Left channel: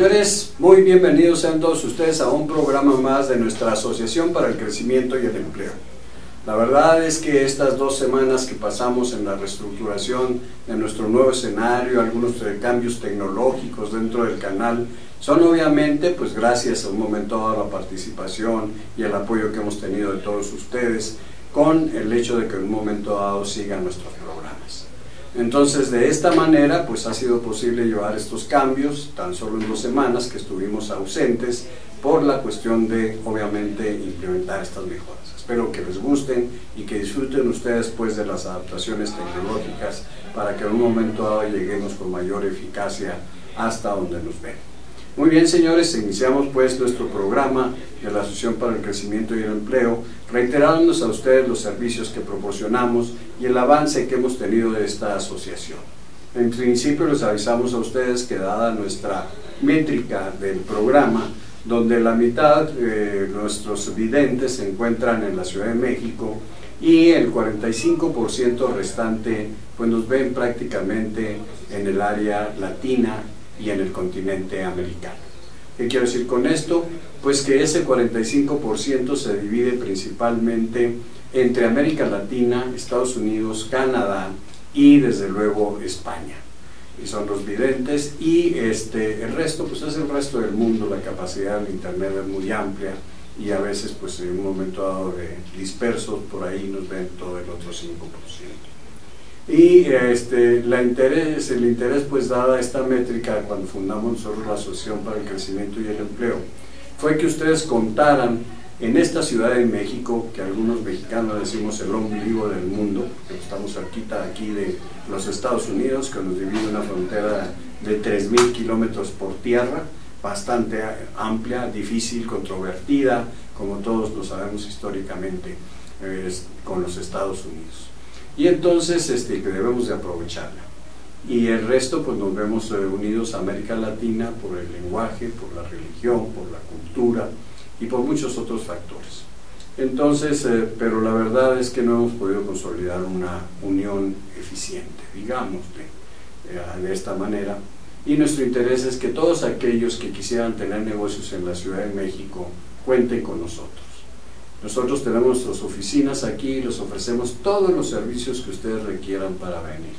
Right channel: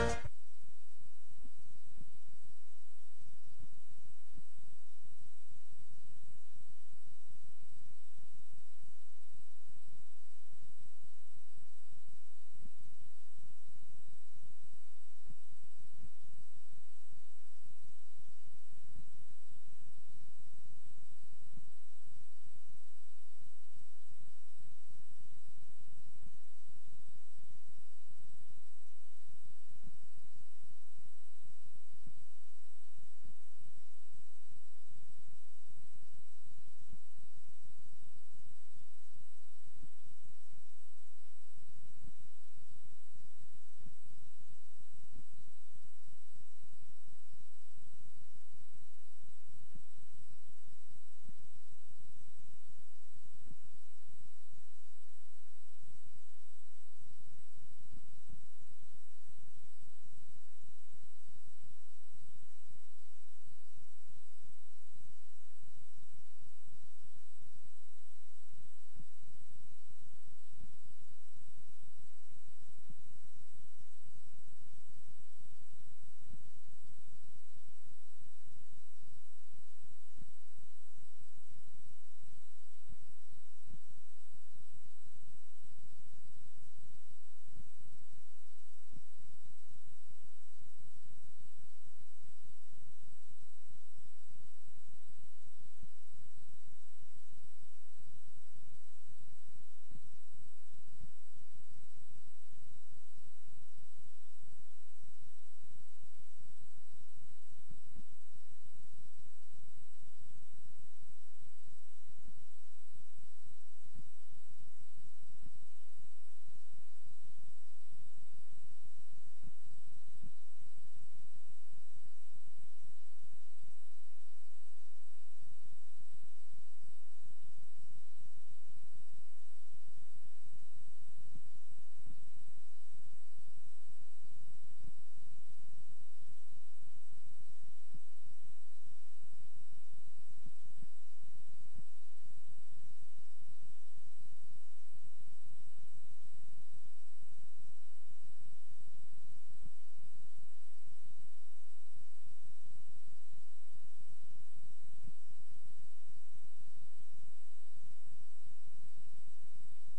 Señores, muy bienvenidos sean todos ustedes a un programa más de nuestra Asociación para el Crecimiento y el Empleo. La verdad es que estas 2 semanas que pasamos en la reestructuración de nuestro nuevo escenario, algunos cambios tecnológicos dentro del canal, son obviamente pues gracias a un momento dado a la participación y el apoyo que hemos tenido de todos ustedes, con el hecho de que en un momento dado sigan nuestros programas. Entonces, de esta manera pues ha sido posible llevar estos cambios tan solo en 2 semanas que estuvimos ausentes por la cuestión de obviamente implementar estas mejoras. Espero que les gusten y que disfruten ustedes pues de las adaptaciones tecnológicas para que en un momento dado lleguemos con mayor eficacia hasta donde nos ven. Muy bien, señores, iniciamos pues nuestro programa de la Asociación para el Crecimiento y el Empleo, reiterándonos a ustedes los servicios que proporcionamos y el avance que hemos tenido de esta asociación. En principio les avisamos a ustedes que dada nuestra métrica del programa, donde la mitad de nuestros videntes se encuentran en la Ciudad de México y el 45% restante pues nos ven prácticamente en el área latina y en el continente americano. ¿Qué quiero decir con esto? Pues que ese 45% se divide principalmente entre América Latina, Estados Unidos, Canadá y desde luego España. Y son los videntes, y el resto pues es el resto del mundo. La capacidad del internet es muy amplia y a veces pues en un momento dado de dispersos por ahí nos ven todo el otro 5%. Y el interés pues dada esta métrica cuando fundamos nosotros la Asociación para el Crecimiento y el Empleo fue que ustedes contaran en esta Ciudad de México, que algunos mexicanos decimos el ombligo del mundo, que estamos cerquita aquí de los Estados Unidos, que nos divide una frontera de 3.000 kilómetros por tierra, bastante amplia, difícil, controvertida, como todos lo sabemos históricamente, con los Estados Unidos. Y entonces que debemos de aprovecharla. Y el resto pues nos vemos unidos a América Latina por el lenguaje, por la religión, por la cultura y por muchos otros factores. Entonces, pero la verdad es que no hemos podido consolidar una unión eficiente, digamos, de esta manera. Y nuestro interés es que todos aquellos que quisieran tener negocios en la Ciudad de México cuenten con nosotros. Nosotros tenemos nuestras oficinas aquí y les ofrecemos todos los servicios que ustedes requieran para venir.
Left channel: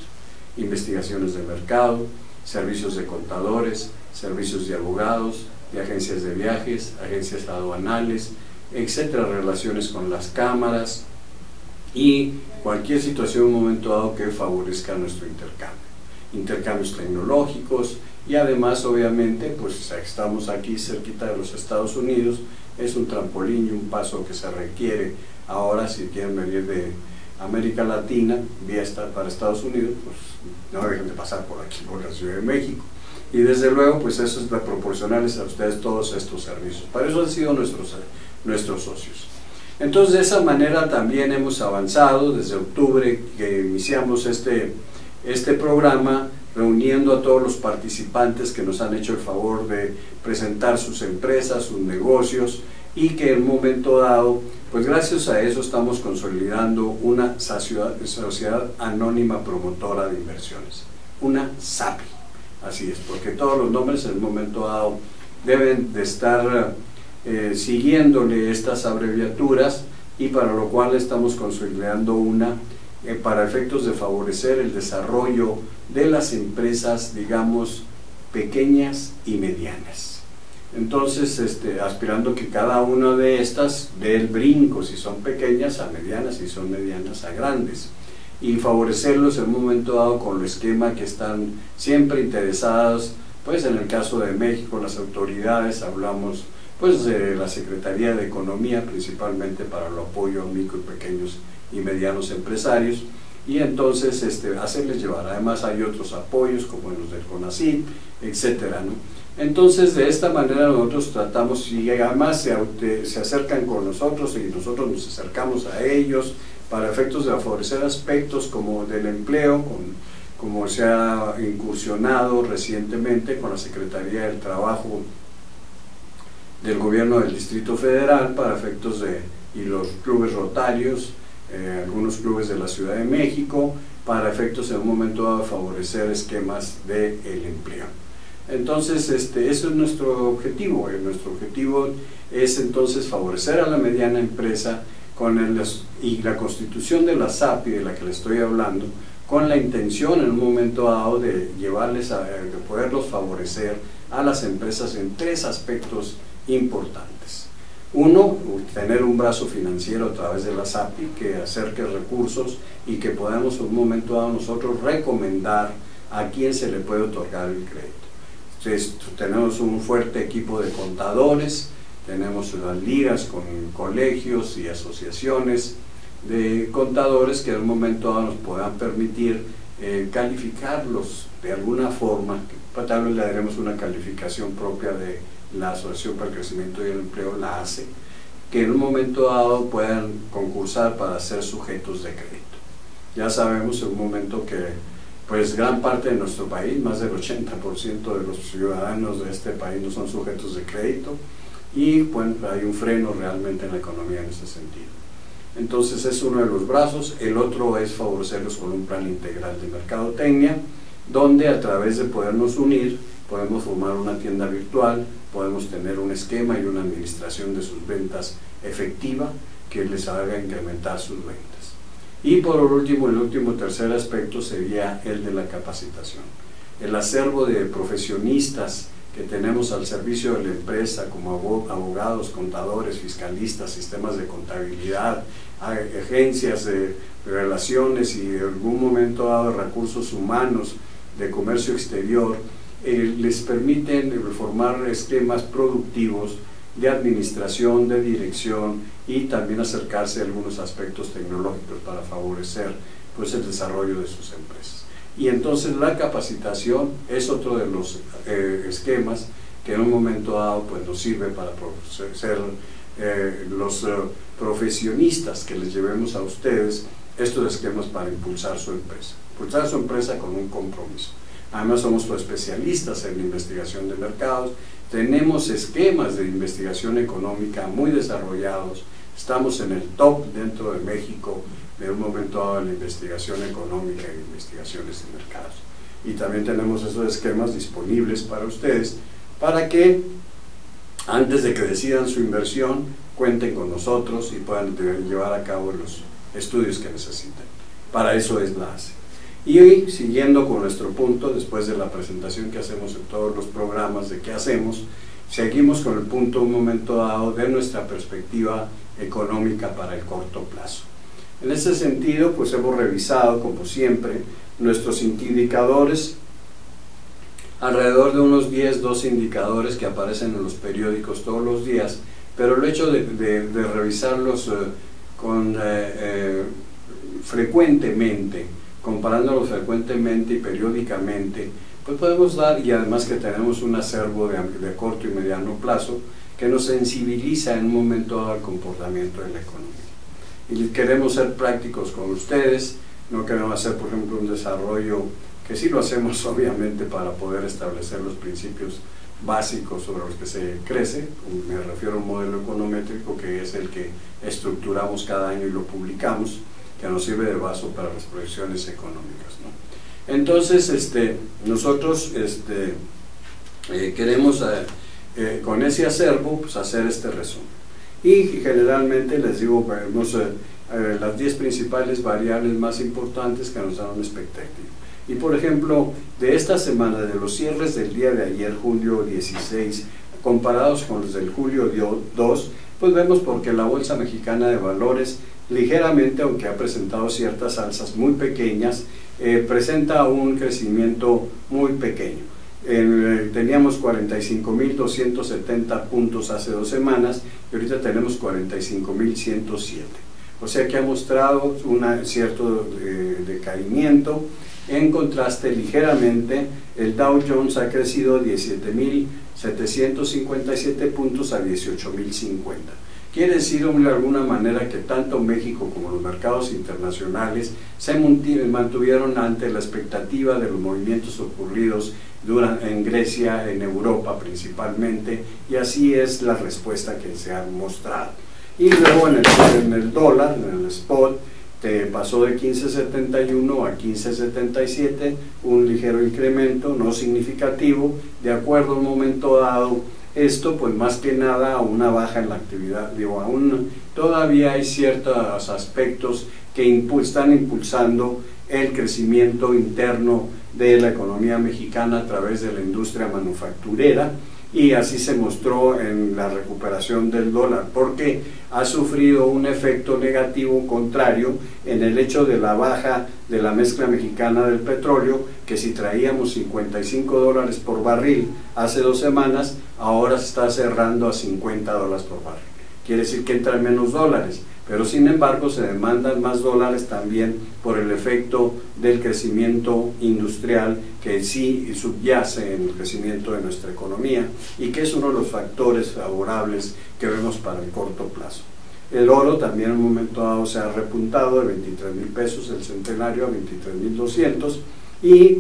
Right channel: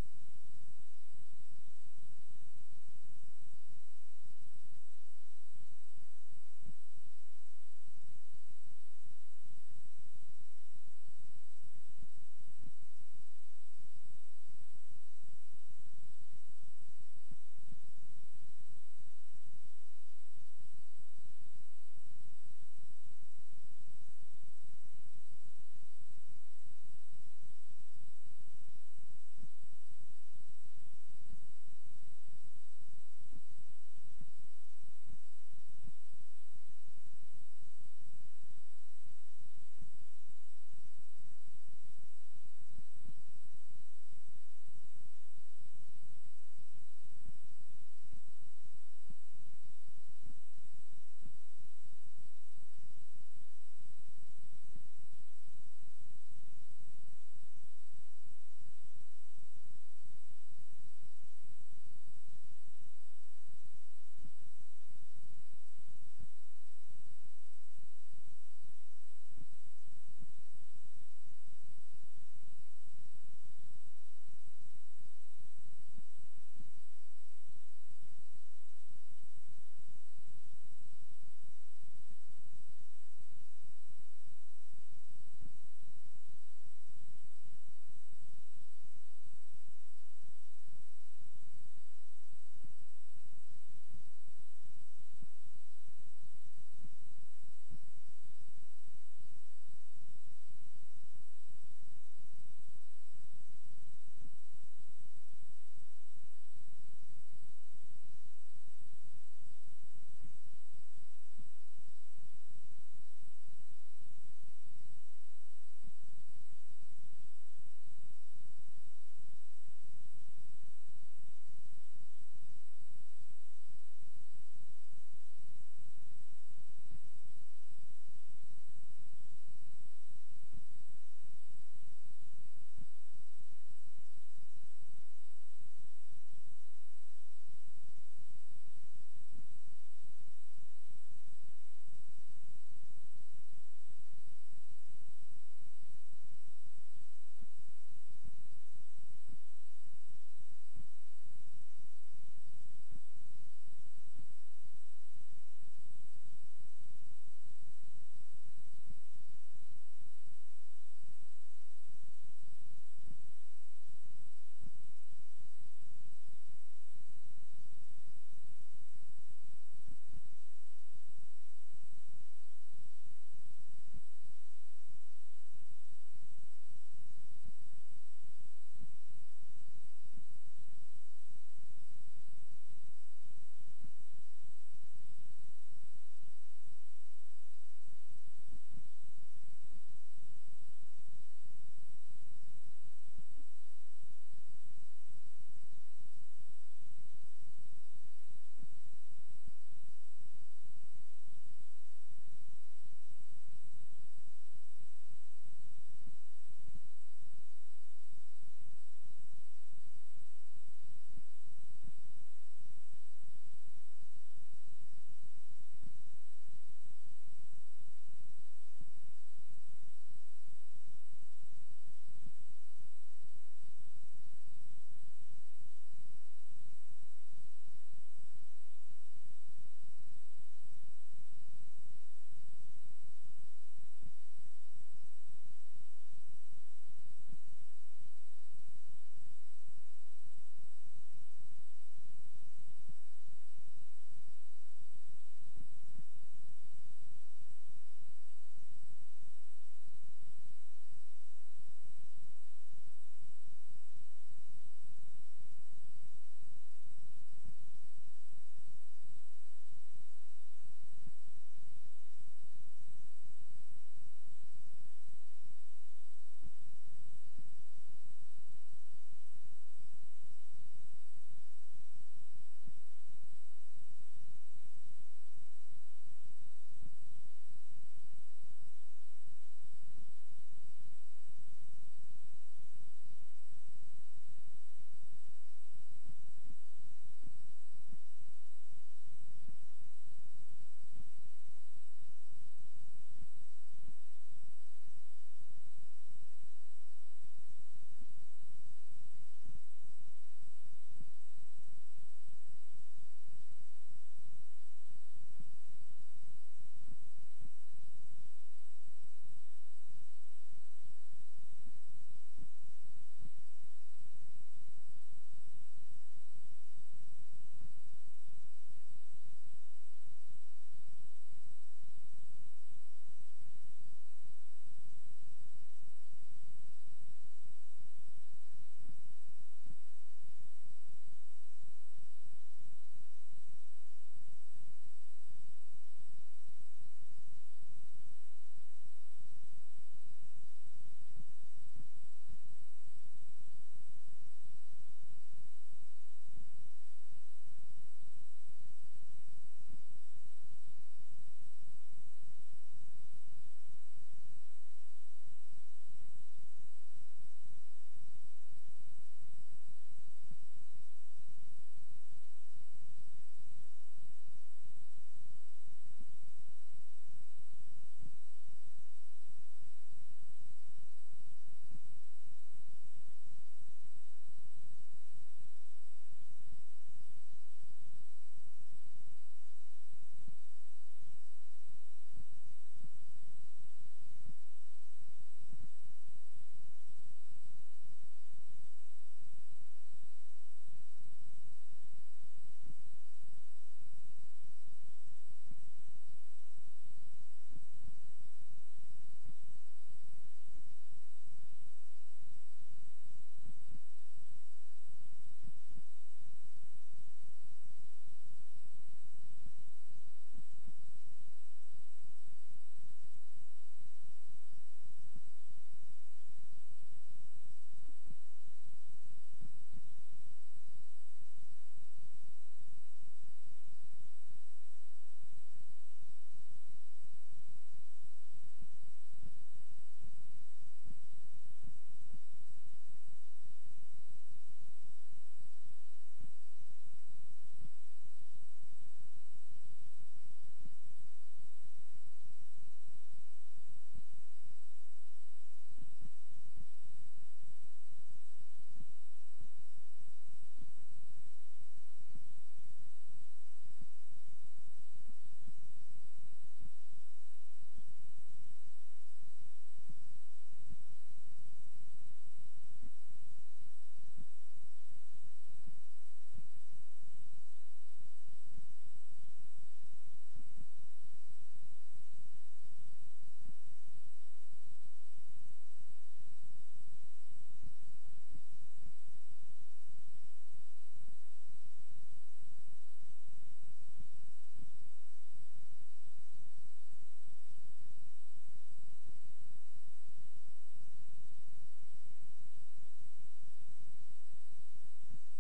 Investigaciones de mercado, servicios de contadores, servicios de abogados, de agencias de viajes, agencias aduanales, etcétera, relaciones con las cámaras y cualquier situación en un momento dado que favorezca nuestro intercambio. Intercambios tecnológicos y además obviamente pues estamos aquí cerquita de los Estados Unidos, es un trampolín y un paso que se requiere ahora si quieren venir de América Latina para Estados Unidos, pues no dejen de pasar por aquí, por la Ciudad de México. Y desde luego pues eso es para proporcionarles a ustedes todos estos servicios. Para eso han sido nuestros socios. Entonces de esa manera también hemos avanzado desde octubre que iniciamos este programa, reuniendo a todos los participantes que nos han hecho el favor de presentar sus empresas, sus negocios, y que en un momento dado, pues gracias a eso estamos consolidando una sociedad anónima promotora de inversiones, una SAPI. Así es, porque todos los nombres en un momento dado deben de estar siguiéndole estas abreviaturas, y para lo cual estamos consolidando una para efectos de favorecer el desarrollo de las empresas, digamos, pequeñas y medianas. Entonces, aspirando que cada una de estas dé el brinco, si son pequeñas a medianas, si son medianas a grandes, y favorecerlos en un momento dado con el esquema que están siempre interesadas, pues en el caso de México, las autoridades, hablamos pues de la Secretaría de Economía, principalmente para el apoyo a micro y pequeños y medianos empresarios, y entonces hacerles llevar. Además hay otros apoyos como los del CONACYT, etcétera, ¿no? Entonces de esta manera nosotros tratamos, y además se acercan con nosotros y nosotros nos acercamos a ellos para efectos de favorecer aspectos como del empleo, como se ha incursionado recientemente con la Secretaría del Trabajo del Gobierno del Distrito Federal para efectos y los clubes rotarios, algunos clubes de la Ciudad de México, para efectos en un momento dado de favorecer esquemas del empleo. Entonces, eso es nuestro objetivo. Nuestro objetivo es entonces favorecer a la mediana empresa y la constitución de la SAPI, de la que le estoy hablando, con la intención en un momento dado de de poderlos favorecer a las empresas en 3 aspectos importantes. Uno, tener un brazo financiero a través de la SAPI que acerque recursos y que podamos en un momento dado nosotros recomendar a quién se le puede otorgar el crédito. Entonces, tenemos un fuerte equipo de contadores, tenemos las ligas con colegios y asociaciones de contadores que en un momento dado nos puedan permitir calificarlos de alguna forma. Tal vez le daremos una calificación propia de la Asociación para el Crecimiento y el Empleo, la ACE, que en un momento dado puedan concursar para ser sujetos de crédito. Ya sabemos en un momento que pues gran parte de nuestro país, más del 80% de los ciudadanos de este país no son sujetos de crédito, y bueno, hay un freno realmente en la economía en ese sentido. Entonces es uno de los brazos. El otro es favorecerlos con un plan integral de mercadotecnia, donde a través de podernos unir podemos formar una tienda virtual, podemos tener un esquema y una administración de sus ventas efectiva que les haga incrementar sus ventas. Y por último, el último tercer aspecto sería el de la capacitación. El acervo de profesionistas que tenemos al servicio de la empresa, como abogados, contadores, fiscalistas, sistemas de contabilidad, agencias de relaciones y en algún momento dado recursos humanos de comercio exterior, les permiten formar esquemas productivos de administración, de dirección y también acercarse a algunos aspectos tecnológicos para favorecer pues, el desarrollo de sus empresas. Y entonces la capacitación es otro de los esquemas que en un momento dado pues, nos sirve para ser los profesionistas que les llevemos a ustedes estos esquemas para impulsar su empresa con un compromiso. Además somos especialistas en la investigación de mercados, tenemos esquemas de investigación económica muy desarrollados, estamos en el top dentro de México de un momento dado en la investigación económica y investigaciones de mercados. Y también tenemos esos esquemas disponibles para ustedes, para que antes de que decidan su inversión, cuenten con nosotros y puedan llevar a cabo los estudios que necesitan. Para eso es la ACE. Y hoy, siguiendo con nuestro punto, después de la presentación que hacemos en todos los programas de qué hacemos, seguimos con el punto un momento dado de nuestra perspectiva económica para el corto plazo. En ese sentido, pues hemos revisado, como siempre, nuestros indicadores, alrededor de unos 12 indicadores que aparecen en los periódicos todos los días, pero el hecho de revisarlos frecuentemente, comparándolos frecuentemente y periódicamente, pues podemos dar, y además que tenemos un acervo de corto y mediano plazo, que nos sensibiliza en un momento dado al comportamiento de la economía. Y queremos ser prácticos con ustedes, no queremos hacer, por ejemplo, un desarrollo, que sí lo hacemos obviamente para poder establecer los principios básicos sobre los que se crece, me refiero a un modelo econométrico que es el que estructuramos cada año y lo publicamos, que nos sirve de base para las proyecciones económicas, ¿no? Entonces, nosotros queremos con ese acervo pues, hacer este resumen. Y generalmente les digo, vemos las 10 principales variables más importantes que nos dan una expectativa. Y por ejemplo, de esta semana, de los cierres del día de ayer, julio 16, comparados con los del julio 2, pues vemos porque la Bolsa Mexicana de Valores ligeramente, aunque ha presentado ciertas alzas muy pequeñas, presenta un crecimiento muy pequeño. Teníamos 45.270 puntos hace 2 semanas y ahorita tenemos 45.107. O sea que ha mostrado un cierto decaimiento. En contraste, ligeramente, el Dow Jones ha crecido 17.757 puntos a 18.050. Quiere decir de alguna manera que tanto México como los mercados internacionales se mantuvieron ante la expectativa de los movimientos ocurridos en Grecia, en Europa principalmente, y así es la respuesta que se ha mostrado. Y luego en el dólar, en el spot, pasó de 15.71 a 15.77, un ligero incremento, no significativo, de acuerdo a un momento dado. Esto pues más que nada a una baja en la actividad, digo, aún todavía hay ciertos aspectos que están impulsando el crecimiento interno de la economía mexicana a través de la industria manufacturera, y así se mostró en la recuperación del dólar, porque ha sufrido un efecto negativo contrario en el hecho de la baja de la mezcla mexicana del petróleo, que si traíamos $55 por barril hace 2 semanas, ahora se está cerrando a $50 por barril. Quiere decir que entran menos dólares, pero sin embargo se demandan más dólares también por el efecto del crecimiento industrial que sí subyace en el crecimiento de nuestra economía y que es uno de los factores favorables que vemos para el corto plazo. El oro también en un momento dado se ha repuntado de 23,000 pesos el centenario a 23,200, y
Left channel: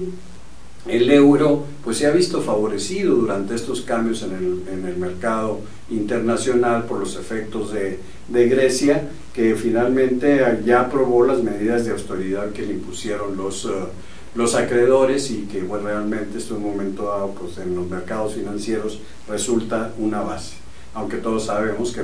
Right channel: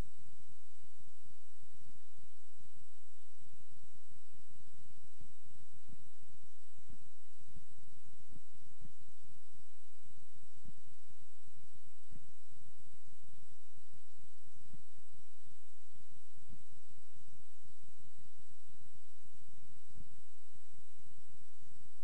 el euro pues se ha visto favorecido durante estos cambios en el mercado internacional por los efectos de Grecia, que finalmente ya aprobó las medidas de austeridad que le impusieron los acreedores, y que bueno, realmente esto en un momento dado pues en los mercados financieros resulta una base, aunque todos sabemos que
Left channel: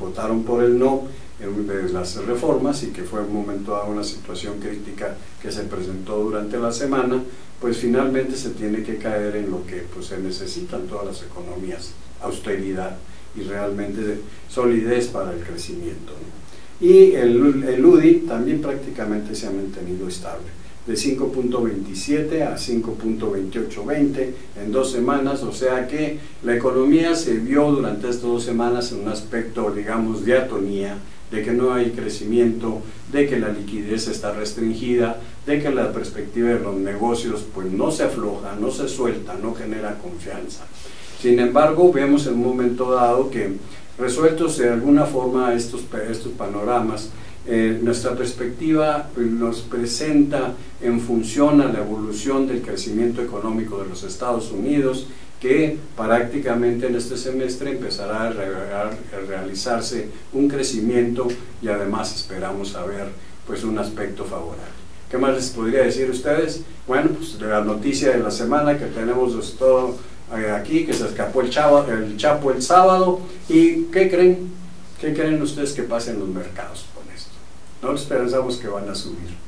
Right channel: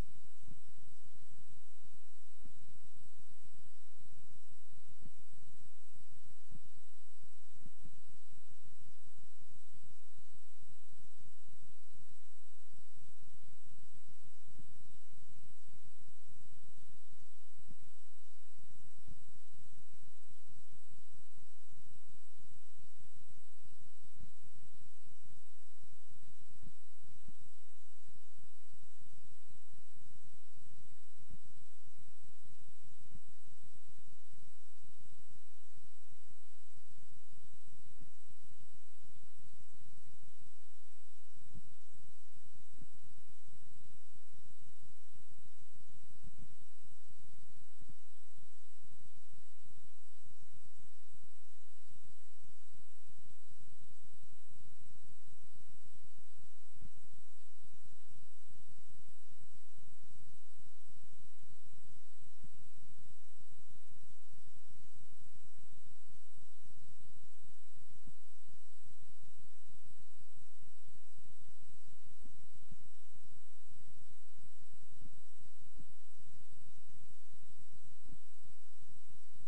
votaron por el no de las reformas, y que fue en un momento dado una situación crítica que se presentó durante la semana. Pues finalmente se tiene que caer en lo que pues se necesitan todas las economías: austeridad y realmente solidez para el crecimiento, ¿no? Y el UDI también prácticamente se ha mantenido estable, de 5.27 a 5.2820 en 2 semanas, o sea que la economía se vio durante estas 2 semanas en un aspecto, digamos, de atonía, de que no hay crecimiento, de que la liquidez está restringida, de que la perspectiva de los negocios pues no se afloja, no se suelta, no genera confianza. Sin embargo, vemos en un momento dado que, resueltos de alguna forma estos panoramas, nuestra perspectiva nos presenta en función a la evolución del crecimiento económico de los Estados Unidos, que prácticamente en este semestre empezará a realizarse un crecimiento, y además esperamos a ver pues un aspecto favorable. ¿Qué más les podría decir a ustedes? Bueno, pues la noticia de la semana que tenemos todo aquí, que se escapó el Chapo el sábado, y ¿qué creen? ¿Qué creen ustedes que pasa en los mercados con esto? No pensamos que van a subir.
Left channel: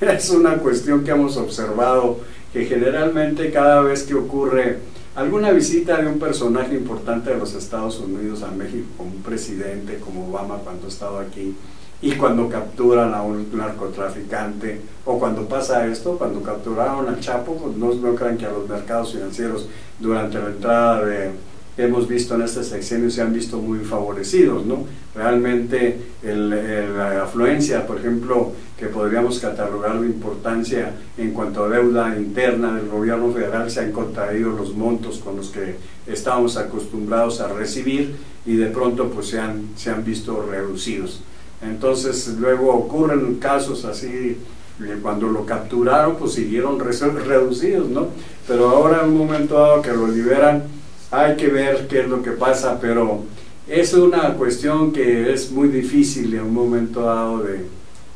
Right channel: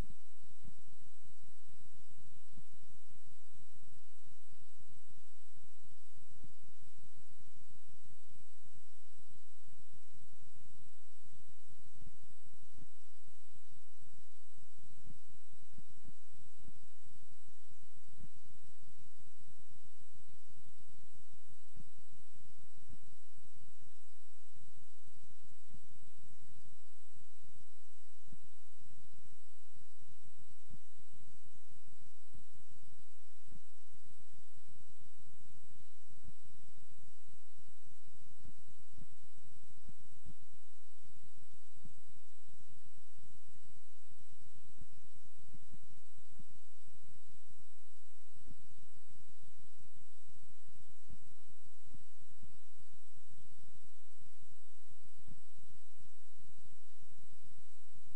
Es una cuestión que hemos observado, que generalmente cada vez que ocurre alguna visita de un personaje importante de los Estados Unidos a México, como un presidente, como Obama cuando ha estado aquí, y cuando capturan a un narcotraficante, o cuando pasa esto, cuando capturaron al Chapo, pues no crean que a los mercados financieros durante la entrada que hemos visto en este sexenio se han visto muy favorecidos, ¿no? Realmente la afluencia, por ejemplo, que podríamos catalogar de importancia en cuanto a deuda interna del gobierno federal, se han contraído los montos con los que estábamos acostumbrados a recibir, y de pronto pues se han visto reducidos. Entonces luego ocurren casos así, cuando lo capturaron pues siguieron reducidos, ¿no? Pero ahora en un momento dado que lo liberan, hay que ver qué es lo que pasa, pero es una cuestión que es muy difícil en un momento dado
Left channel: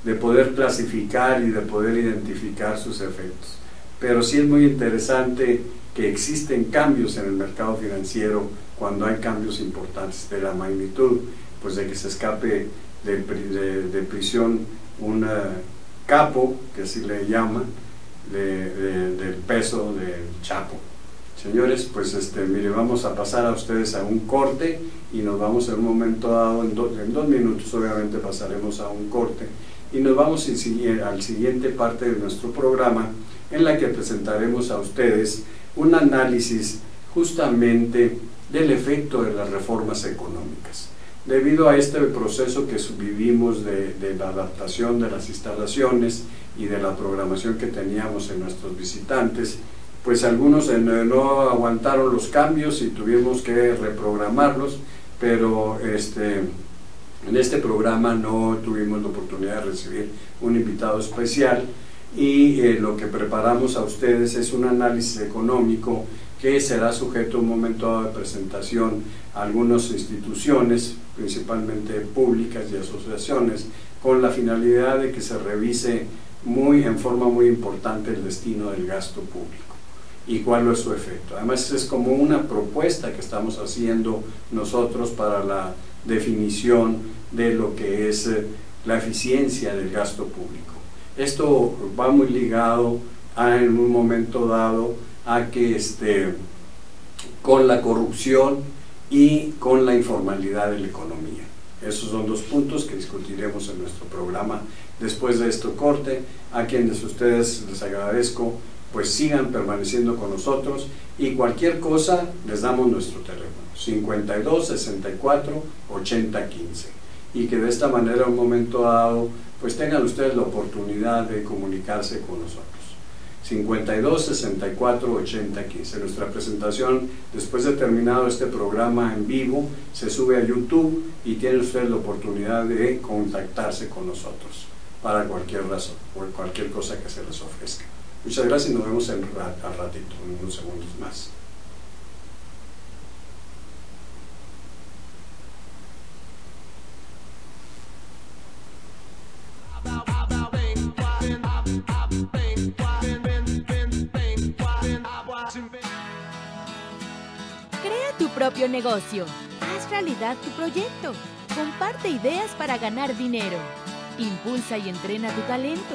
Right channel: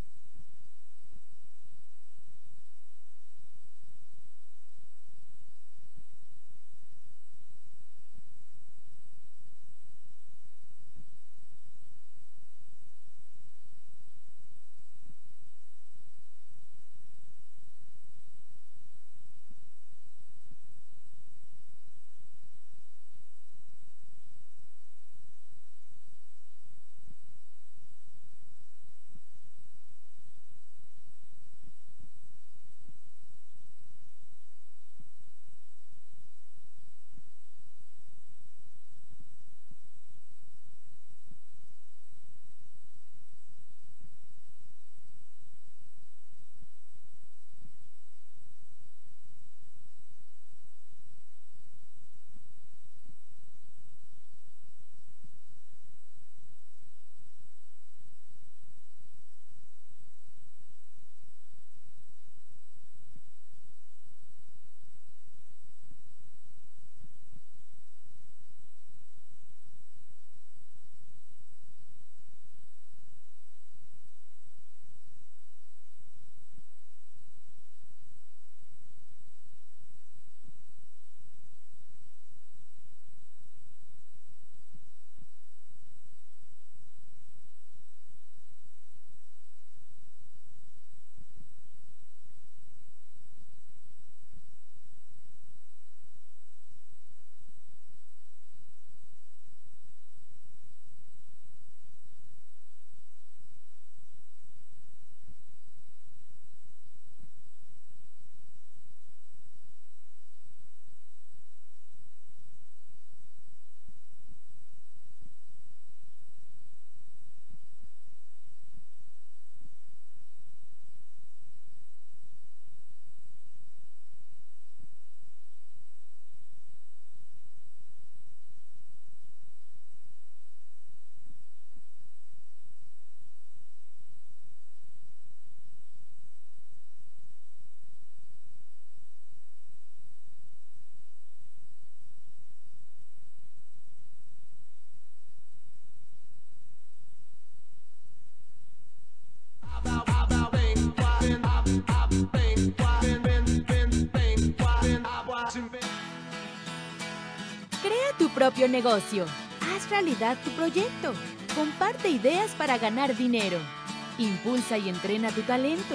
de poder clasificar y de poder identificar sus efectos. Pero sí es muy interesante que existen cambios en el mercado financiero cuando hay cambios importantes de la magnitud, pues de que se escape de prisión un capo, que así le llaman, del peso del Chapo. Señores, pues mire, vamos a pasar a ustedes a un corte, y nos vamos en un momento dado, en 2 minutos obviamente pasaremos a un corte, y nos vamos al siguiente parte de nuestro programa, en la que presentaremos a ustedes un análisis justamente del efecto de las reformas económicas. Debido a este proceso que vivimos de la adaptación de las instalaciones y de la programación que teníamos en nuestros visitantes, pues algunos no aguantaron los cambios y tuvimos que reprogramarlos, pero en este programa no tuvimos la oportunidad de recibir un invitado especial, y lo que preparamos a ustedes es un análisis económico que será sujeto a un momento dado de presentación a algunas instituciones, principalmente públicas y asociaciones con la finalidad de que se revise en forma muy importante el destino del gasto público y cuál es su efecto. Además es como una propuesta que estamos haciendo nosotros para la definición de lo que es la eficiencia del gasto público. Esto va muy ligado en un momento dado a que con la corrupción y con la informalidad de la economía. Esos son dos puntos que discutiremos en nuestro programa después de este corte. A quienes ustedes les agradezco, pues sigan permaneciendo con nosotros, y cualquier cosa les damos nuestro teléfono 52 64 80 15, y que de esta manera en un momento dado pues tengan ustedes la oportunidad de comunicarse con nosotros. 52 64 80 15. Nuestra presentación, después de terminado este programa en vivo, se sube a YouTube y tienen ustedes la oportunidad de contactarse con nosotros para cualquier razón o cualquier cosa que se les ofrezca. Muchas gracias y nos vemos al ratito, en unos segundos más. Crea tu propio negocio. Haz realidad tu proyecto. Comparte ideas para ganar dinero. Impulsa y entrena tu talento.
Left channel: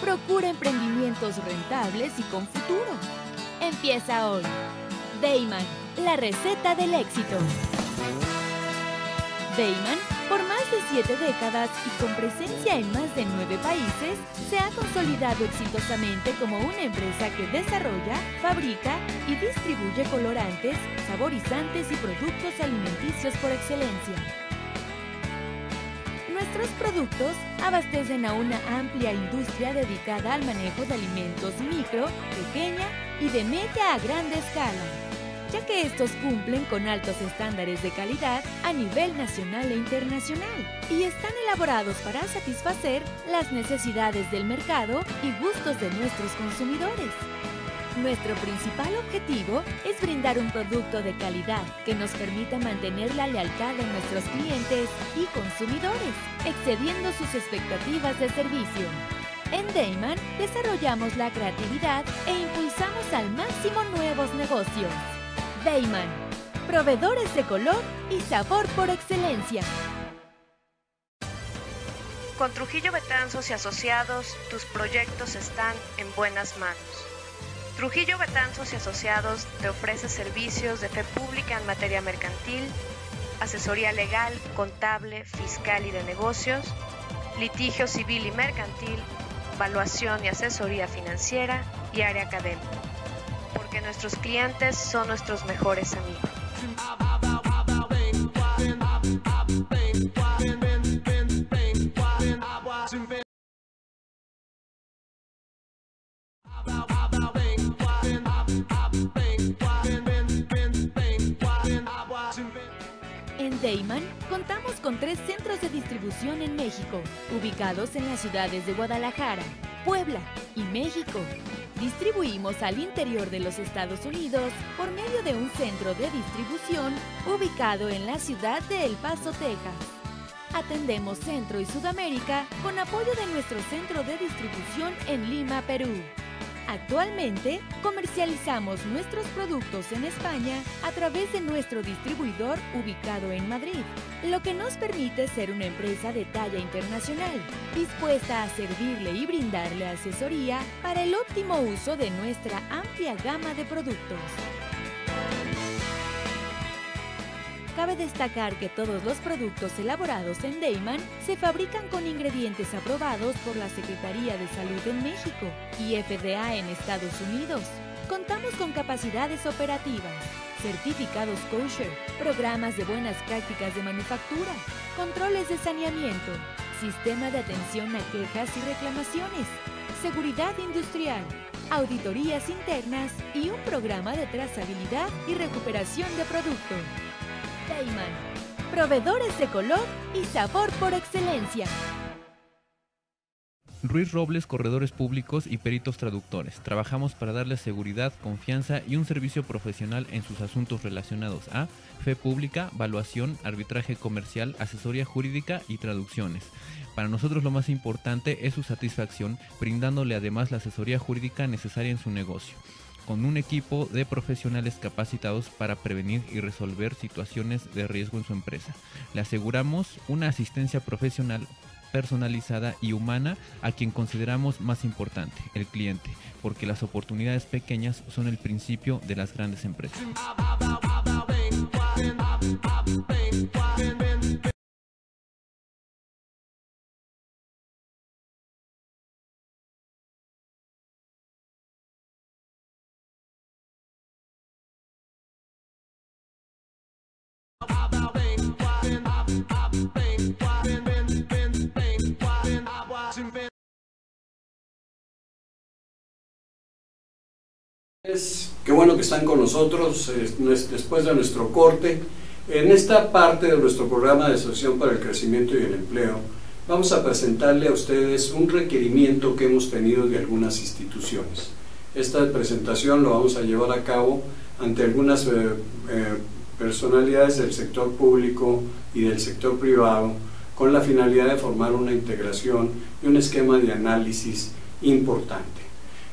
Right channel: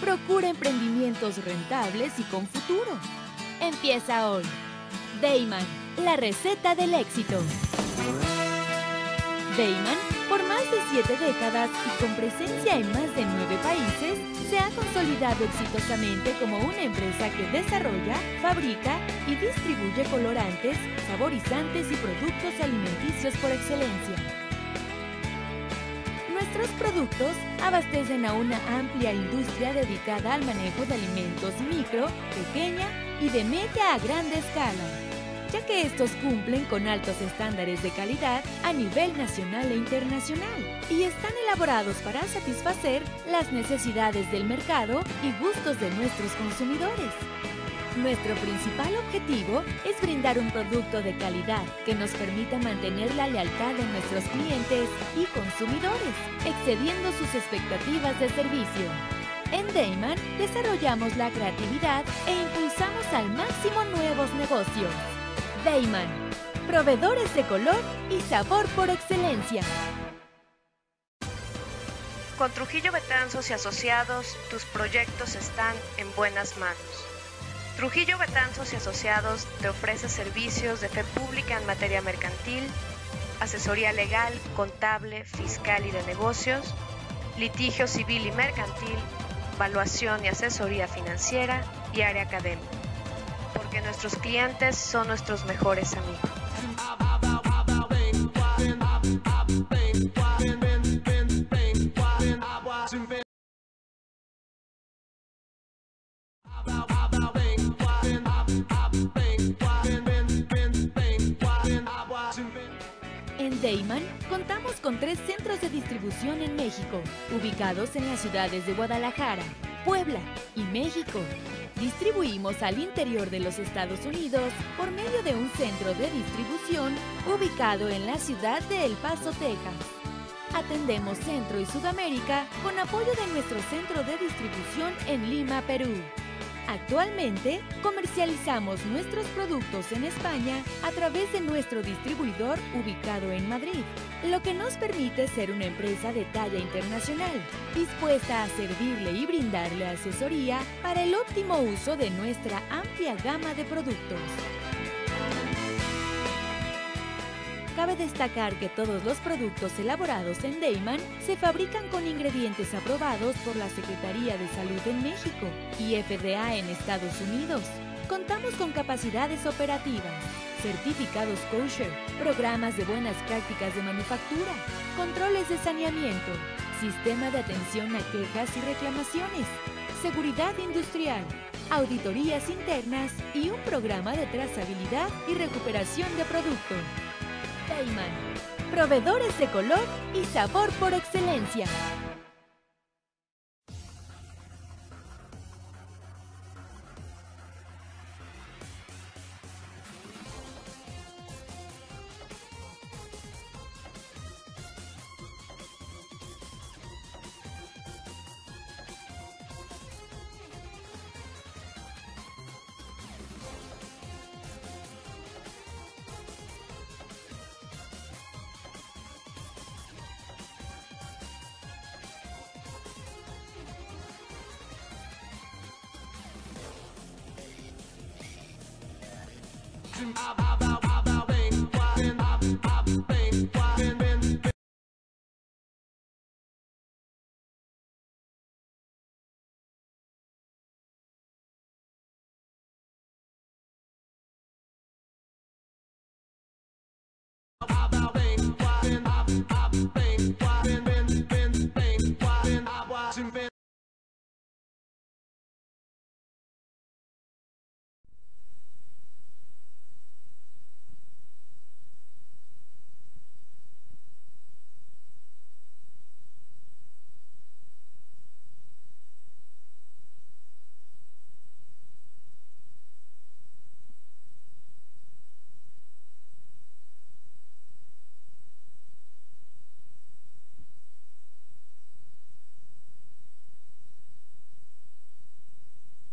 Procura emprendimientos rentables y con futuro. Empieza hoy. Dayman, la receta del éxito. Dayman, por más de 7 décadas y con presencia en más de 9 países, se ha consolidado exitosamente como una empresa que desarrolla, fabrica y distribuye colorantes, saborizantes y productos alimenticios por excelencia. Nuestros productos abastecen a una amplia industria dedicada al manejo de alimentos micro, pequeña y de media a grande escala, ya que estos cumplen con altos estándares de calidad a nivel nacional e internacional y están elaborados para satisfacer las necesidades del mercado y gustos de nuestros consumidores. Nuestro principal objetivo es brindar un producto de calidad que nos permita mantener la lealtad de nuestros clientes y consumidores, excediendo sus expectativas de servicio. En Dayman desarrollamos la creatividad e impulsamos al máximo nuevos negocios. Dayman, proveedores de color y sabor por excelencia. Con Trujillo Betanzos y Asociados, tus proyectos están en buenas manos. Trujillo Betanzos y Asociados te ofrece servicios de fe pública en materia mercantil, asesoría legal, contable, fiscal y de negocios, litigio civil y mercantil, valuación y asesoría financiera y área académica, porque nuestros clientes son nuestros mejores amigos. En Dayman contamos con 3 centros de distribución en México, ubicados en las ciudades de Guadalajara, Puebla y México. Distribuimos al interior de los Estados Unidos por medio de un centro de distribución ubicado en la ciudad de El Paso, Texas. Atendemos Centro y Sudamérica con apoyo de nuestro centro de distribución en Lima, Perú. Actualmente, comercializamos nuestros productos en España a través de nuestro distribuidor ubicado en Madrid, lo que nos permite ser una empresa de talla internacional, dispuesta a servirle y brindarle asesoría para el óptimo uso de nuestra amplia gama de productos. Cabe destacar que todos los productos elaborados en Dayman se fabrican con ingredientes aprobados por la Secretaría de Salud en México y FDA en Estados Unidos. Contamos con capacidades operativas, certificados kosher, programas de buenas prácticas de manufactura, controles de saneamiento, sistema de atención a quejas y reclamaciones, seguridad industrial, auditorías internas y un programa de trazabilidad y recuperación de producto. Dayman, proveedores de color y sabor por excelencia. Ruiz Robles, corredores públicos y peritos traductores. Trabajamos para darles seguridad, confianza y un servicio profesional en sus asuntos relacionados a fe pública, valuación, arbitraje comercial, asesoría jurídica y traducciones. Para nosotros lo más importante es su satisfacción, brindándole además la asesoría jurídica necesaria en su negocio, con un equipo de profesionales capacitados para prevenir y resolver situaciones de riesgo en su empresa. Le aseguramos una asistencia profesional, personalizada y humana a quien consideramos más importante, el cliente, porque las oportunidades pequeñas son el principio de las grandes empresas. Qué bueno que están con nosotros después de nuestro corte. En esta parte de nuestro programa de Asociación para el Crecimiento y el Empleo vamos a presentarle a ustedes un requerimiento que hemos tenido de algunas instituciones. Esta presentación lo vamos a llevar a cabo ante algunas personalidades del sector público y del sector privado con la finalidad de formar una integración y un esquema de análisis importante.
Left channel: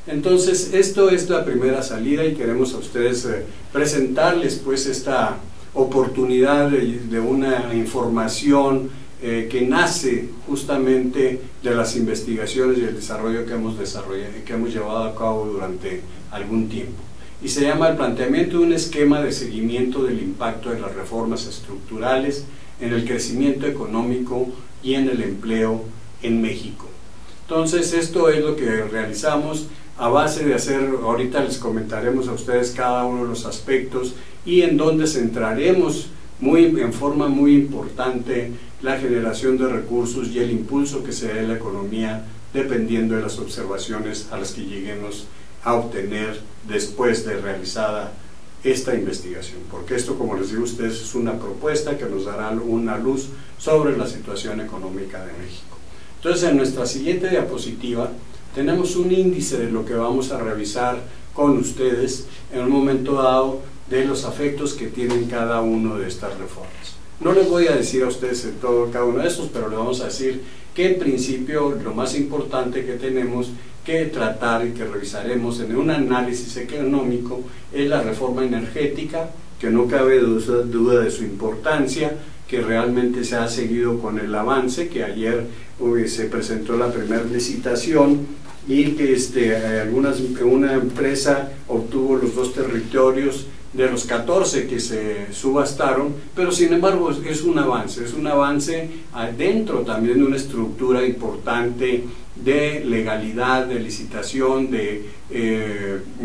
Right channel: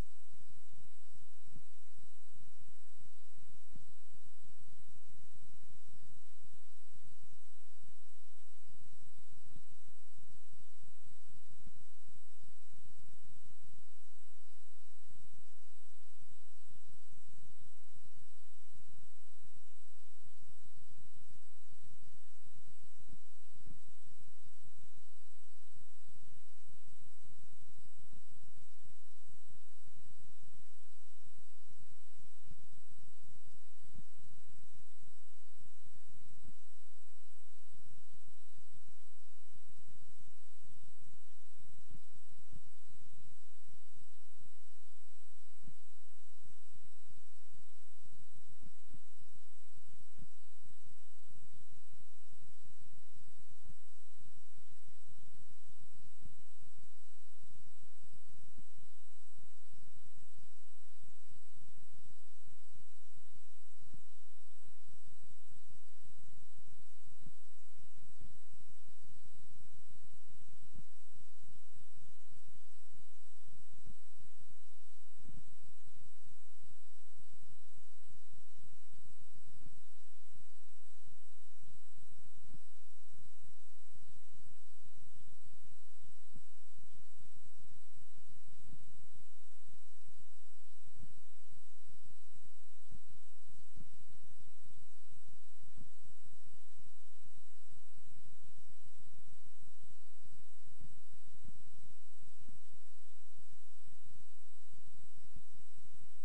Entonces, esto es la primera salida y queremos a ustedes presentarles pues esta oportunidad de una información que nace justamente de las investigaciones y el desarrollo que hemos llevado a cabo durante algún tiempo. Y se llama el planteamiento de un esquema de seguimiento del impacto de las reformas estructurales en el crecimiento económico y en el empleo en México. Entonces, esto es lo que realizamos a base de hacer, ahorita les comentaremos a ustedes cada uno de los aspectos y en donde centraremos en forma muy importante la generación de recursos y el impulso que se dé a la economía dependiendo de las observaciones a las que lleguemos a obtener después de realizada esta investigación, porque esto, como les digo a ustedes, es una propuesta que nos dará una luz sobre la situación económica de México. Entonces, en nuestra siguiente diapositiva tenemos un índice de lo que vamos a revisar con ustedes en un momento dado de los efectos que tienen cada uno de estas reformas. No les voy a decir a ustedes cada uno de estos, pero les vamos a decir que en principio lo más importante que tenemos que tratar y que revisaremos en un análisis económico es la reforma energética, que no cabe duda de su importancia, que realmente se ha seguido con el avance, que ayer se presentó la primera licitación y que una empresa obtuvo los 2 territorios de los 14 que se subastaron, pero sin embargo es un avance dentro también de una estructura importante de legalidad, de licitación, de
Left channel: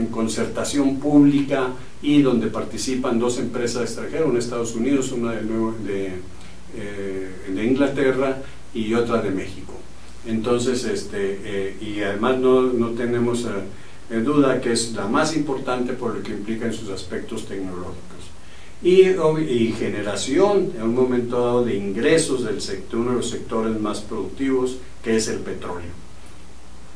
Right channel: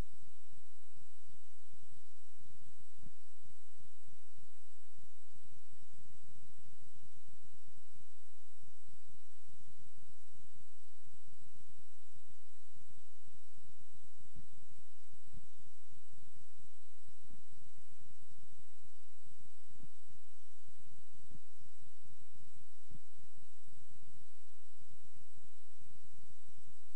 concertación pública y donde participan 2 empresas extranjeras, una de Estados Unidos, una de Inglaterra y otra de México. Entonces, y además no tenemos duda que es la más importante por lo que implica en sus aspectos tecnológicos. Y generación, en un momento dado, de ingresos del sector, uno de los sectores más productivos, que es el petróleo.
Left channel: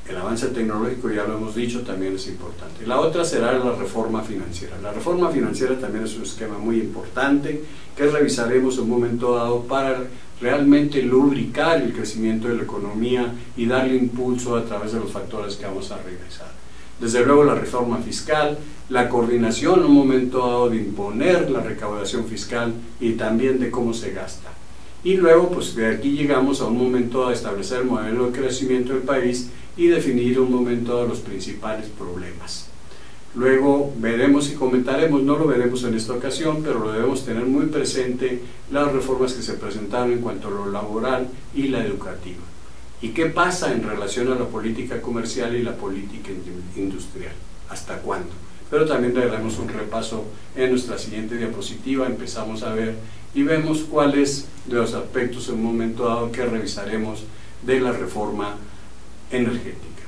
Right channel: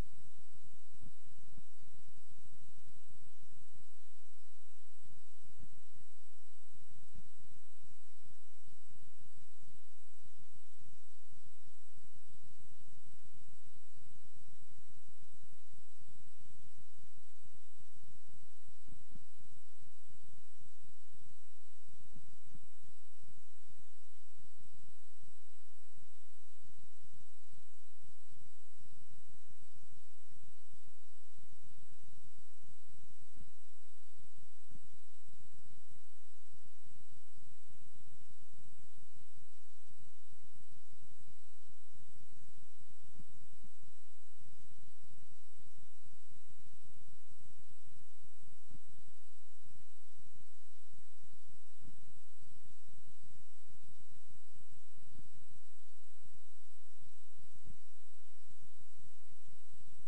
El avance tecnológico, ya lo hemos dicho, también es importante. La otra será la reforma financiera. La reforma financiera también es un esquema muy importante que revisaremos en un momento dado para realmente lubricar el crecimiento de la economía y darle impulso a través de los factores que vamos a revisar. Desde luego la reforma fiscal, la coordinación en un momento dado de imponer la recaudación fiscal y también de cómo se gasta. Y luego, pues de aquí llegamos a un momento dado de establecer el modelo de crecimiento del país y definir un momento dado los principales problemas. Luego veremos y comentaremos, no lo veremos en esta ocasión, pero lo debemos tener muy presente, las reformas que se presentaron en cuanto a lo laboral y la educativa. ¿Y qué pasa en relación a la política comercial y la política industrial? ¿Hasta cuándo? Pero también le daremos un repaso en nuestra siguiente diapositiva, empezamos a ver y vemos cuáles de los aspectos en un momento dado que revisaremos de la reforma energética.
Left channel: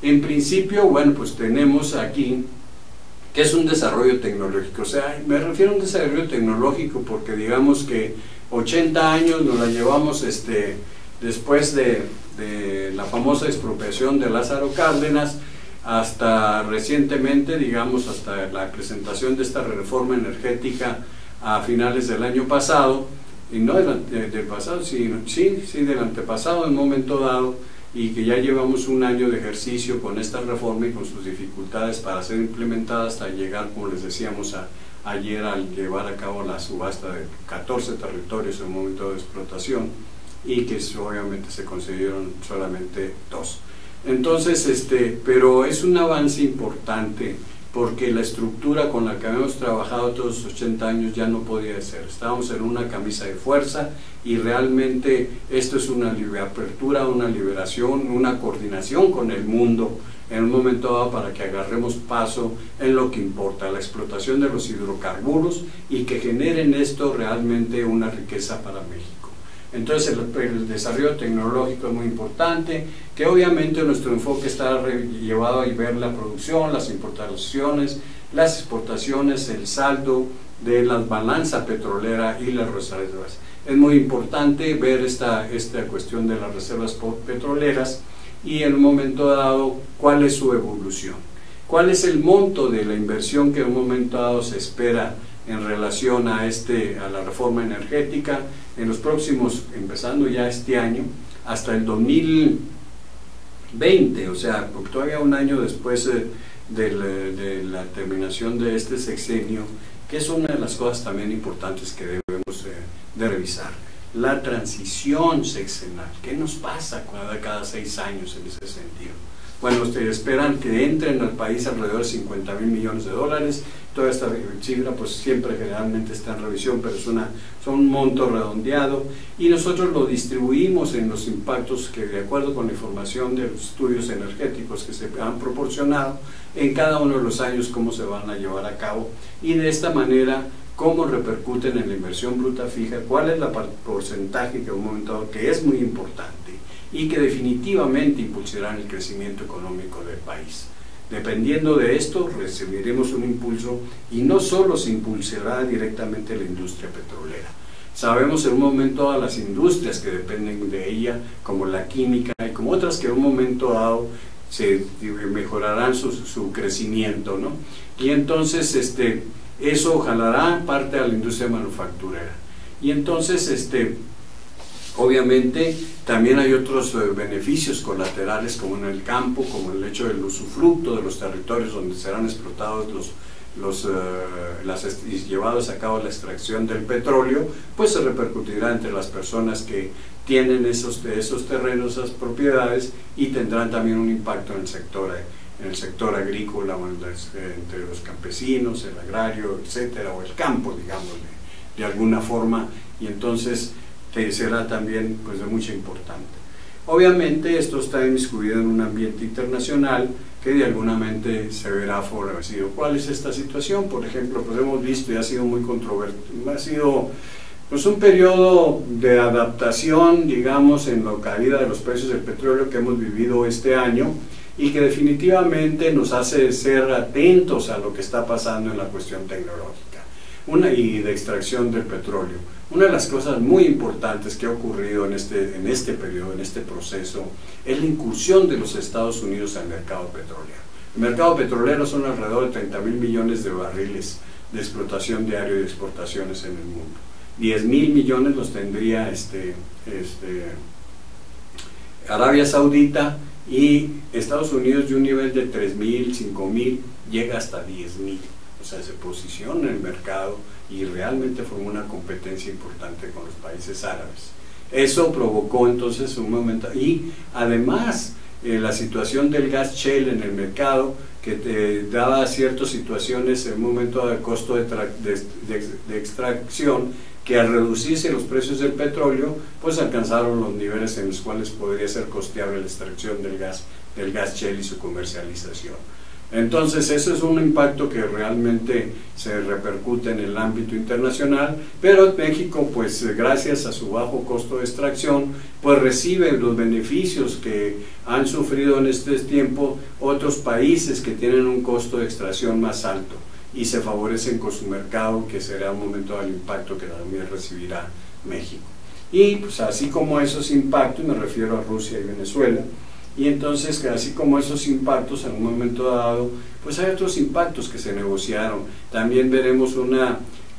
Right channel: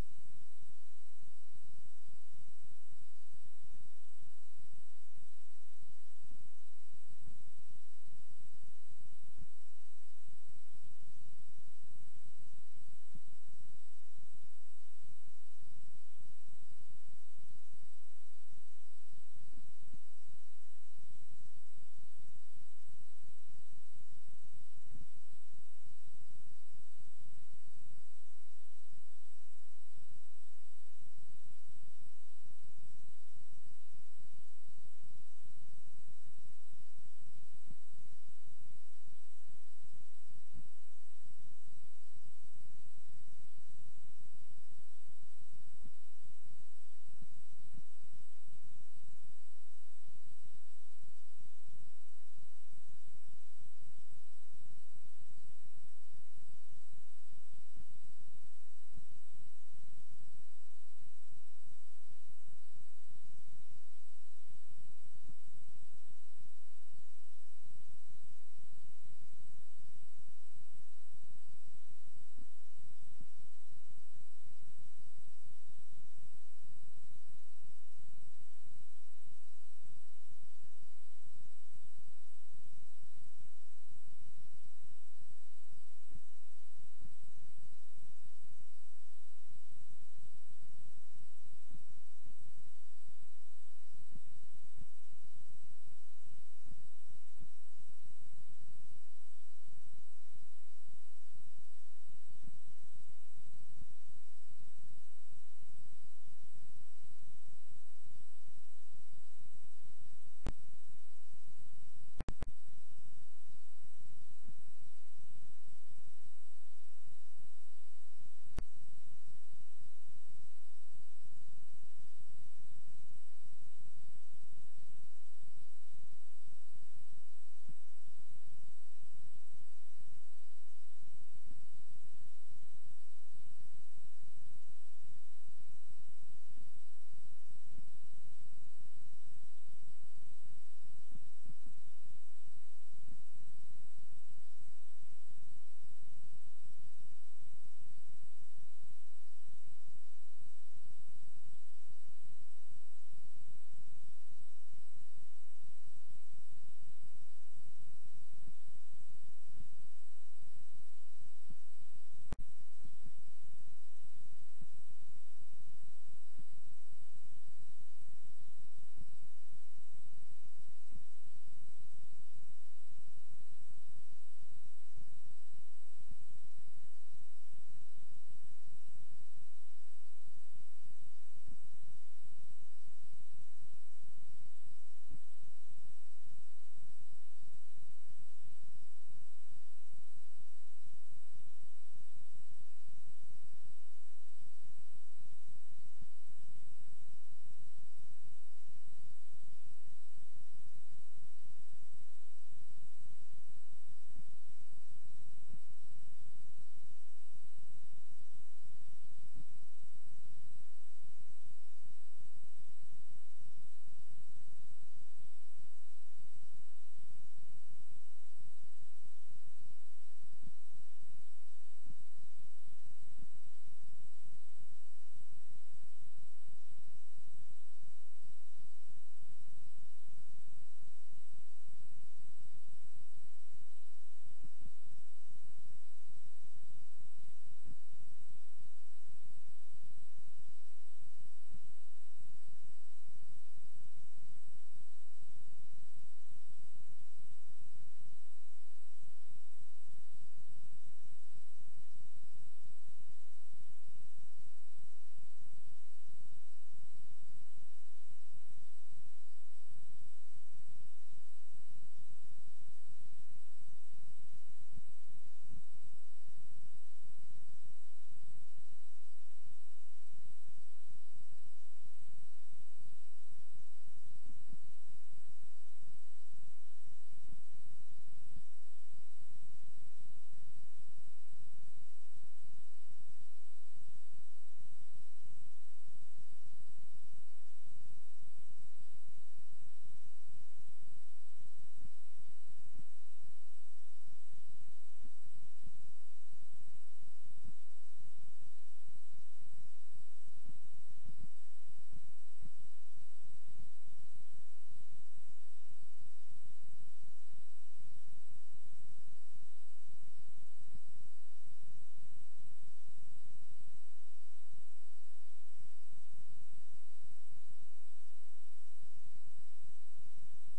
En principio, bueno, pues tenemos aquí que es un desarrollo tecnológico. O sea, me refiero a un desarrollo tecnológico porque digamos que 80 años nos la llevamos después de la famosa expropiación de Lázaro Cárdenas hasta recientemente, digamos, hasta la presentación de esta reforma energética a finales del año pasado, y no del pasado, sino, sí, del antepasado en un momento dado, y que ya llevamos un año de ejercicio con esta reforma y con sus dificultades para ser implementada hasta llegar, como les decíamos ayer, al llevar a cabo la subasta de 14 territorios en un momento de explotación, y que obviamente se concedieron solamente 2. Entonces, pero es un avance importante, porque la estructura con la que habíamos trabajado todos los 80 años ya no podía ser. Estábamos en una camisa de fuerza, y realmente esto es una apertura, una liberación, una coordinación con el mundo en un momento dado para que agarremos paso en lo que importa, la explotación de los hidrocarburos, y que generen esto realmente una riqueza para México. Entonces el desarrollo tecnológico es muy importante, que obviamente nuestro enfoque está llevado a ver la producción, las importaciones, las exportaciones, el saldo de la balanza petrolera y las reservas. Es muy importante ver esta cuestión de las reservas petroleras, y en un momento dado cuál es su evolución, cuál es el monto de la inversión que en un momento dado se espera en relación a la reforma energética en los próximos, empezando ya este año, hasta el 2020, o sea, porque todavía un año después de la terminación de este sexenio, que es una de las cosas también importantes que debemos de revisar. La transición sexenal, ¿qué nos pasa cada 6 años en ese sentido? Bueno, ustedes esperan que entren al país alrededor de 50.000 millones de dólares. Toda esta cifra pues siempre generalmente está en revisión, pero son un monto redondeado, y nosotros lo distribuimos en los impactos que, de acuerdo con la información de los estudios energéticos que se han proporcionado, en cada uno de los años cómo se van a llevar a cabo, y de esta manera cómo repercuten en la inversión bruta fija, cuál es el porcentaje que en un momento dado, que es muy importante y que definitivamente impulsarán el crecimiento económico del país. Dependiendo de esto, recibiremos un impulso, y no solo se impulsará directamente la industria petrolera. Sabemos en un momento dado las industrias que dependen de ella, como la química y como otras que en un momento dado se mejorarán su crecimiento, ¿no? Y entonces eso jalará parte a la industria manufacturera. Y entonces obviamente también hay otros beneficios colaterales, como en el campo, como el hecho del usufructo de los territorios donde serán explotados y llevados a cabo la extracción del petróleo, pues se repercutirá entre las personas que tienen esos terrenos, esas propiedades, y tendrán también un impacto en el sector agrícola, entre los campesinos, el agrario, etcétera, o el campo, digamos, de alguna forma, y entonces será también pues de mucha importancia. Obviamente esto está inmiscuido en un ambiente internacional que de alguna mente se verá favorecido. ¿Cuál es esta situación? Por ejemplo, pues hemos visto, y ha sido muy controvertido, ha sido pues un periodo de adaptación, digamos, en la caída de los precios del petróleo que hemos vivido este año, y que definitivamente nos hace ser atentos a lo que está pasando en la cuestión tecnológica y de extracción del petróleo. Una de las cosas muy importantes que ha ocurrido en este periodo, en este proceso, es la incursión de los Estados Unidos al mercado petrolero. El mercado petrolero son alrededor de 30.000 millones de barriles de explotación diaria y de exportaciones en el mundo. 10.000 millones los tendría Arabia Saudita, y Estados Unidos de un nivel de 3.000, 5.000, llega hasta 10.000. O sea, se posiciona en el mercado y realmente formó una competencia importante con los países árabes. Eso provocó entonces un momento, y además la situación del gas shale en el mercado, que daba ciertas situaciones en un momento de costo de extracción, que al reducirse los precios del petróleo, pues alcanzaron los niveles en los cuales podría ser costeable la extracción del gas shale y su comercialización. Entonces eso es un impacto que realmente se repercute en el ámbito internacional, pero México, pues gracias a su bajo costo de extracción, pues recibe los beneficios que han sufrido en este tiempo otros países que tienen un costo de extracción más alto, y se favorecen con su mercado, que será un momento del impacto que también recibirá México. Y pues así como esos impactos, me refiero a Rusia y Venezuela, y entonces así como esos impactos en un momento dado, pues hay otros impactos que se negociaron. También veremos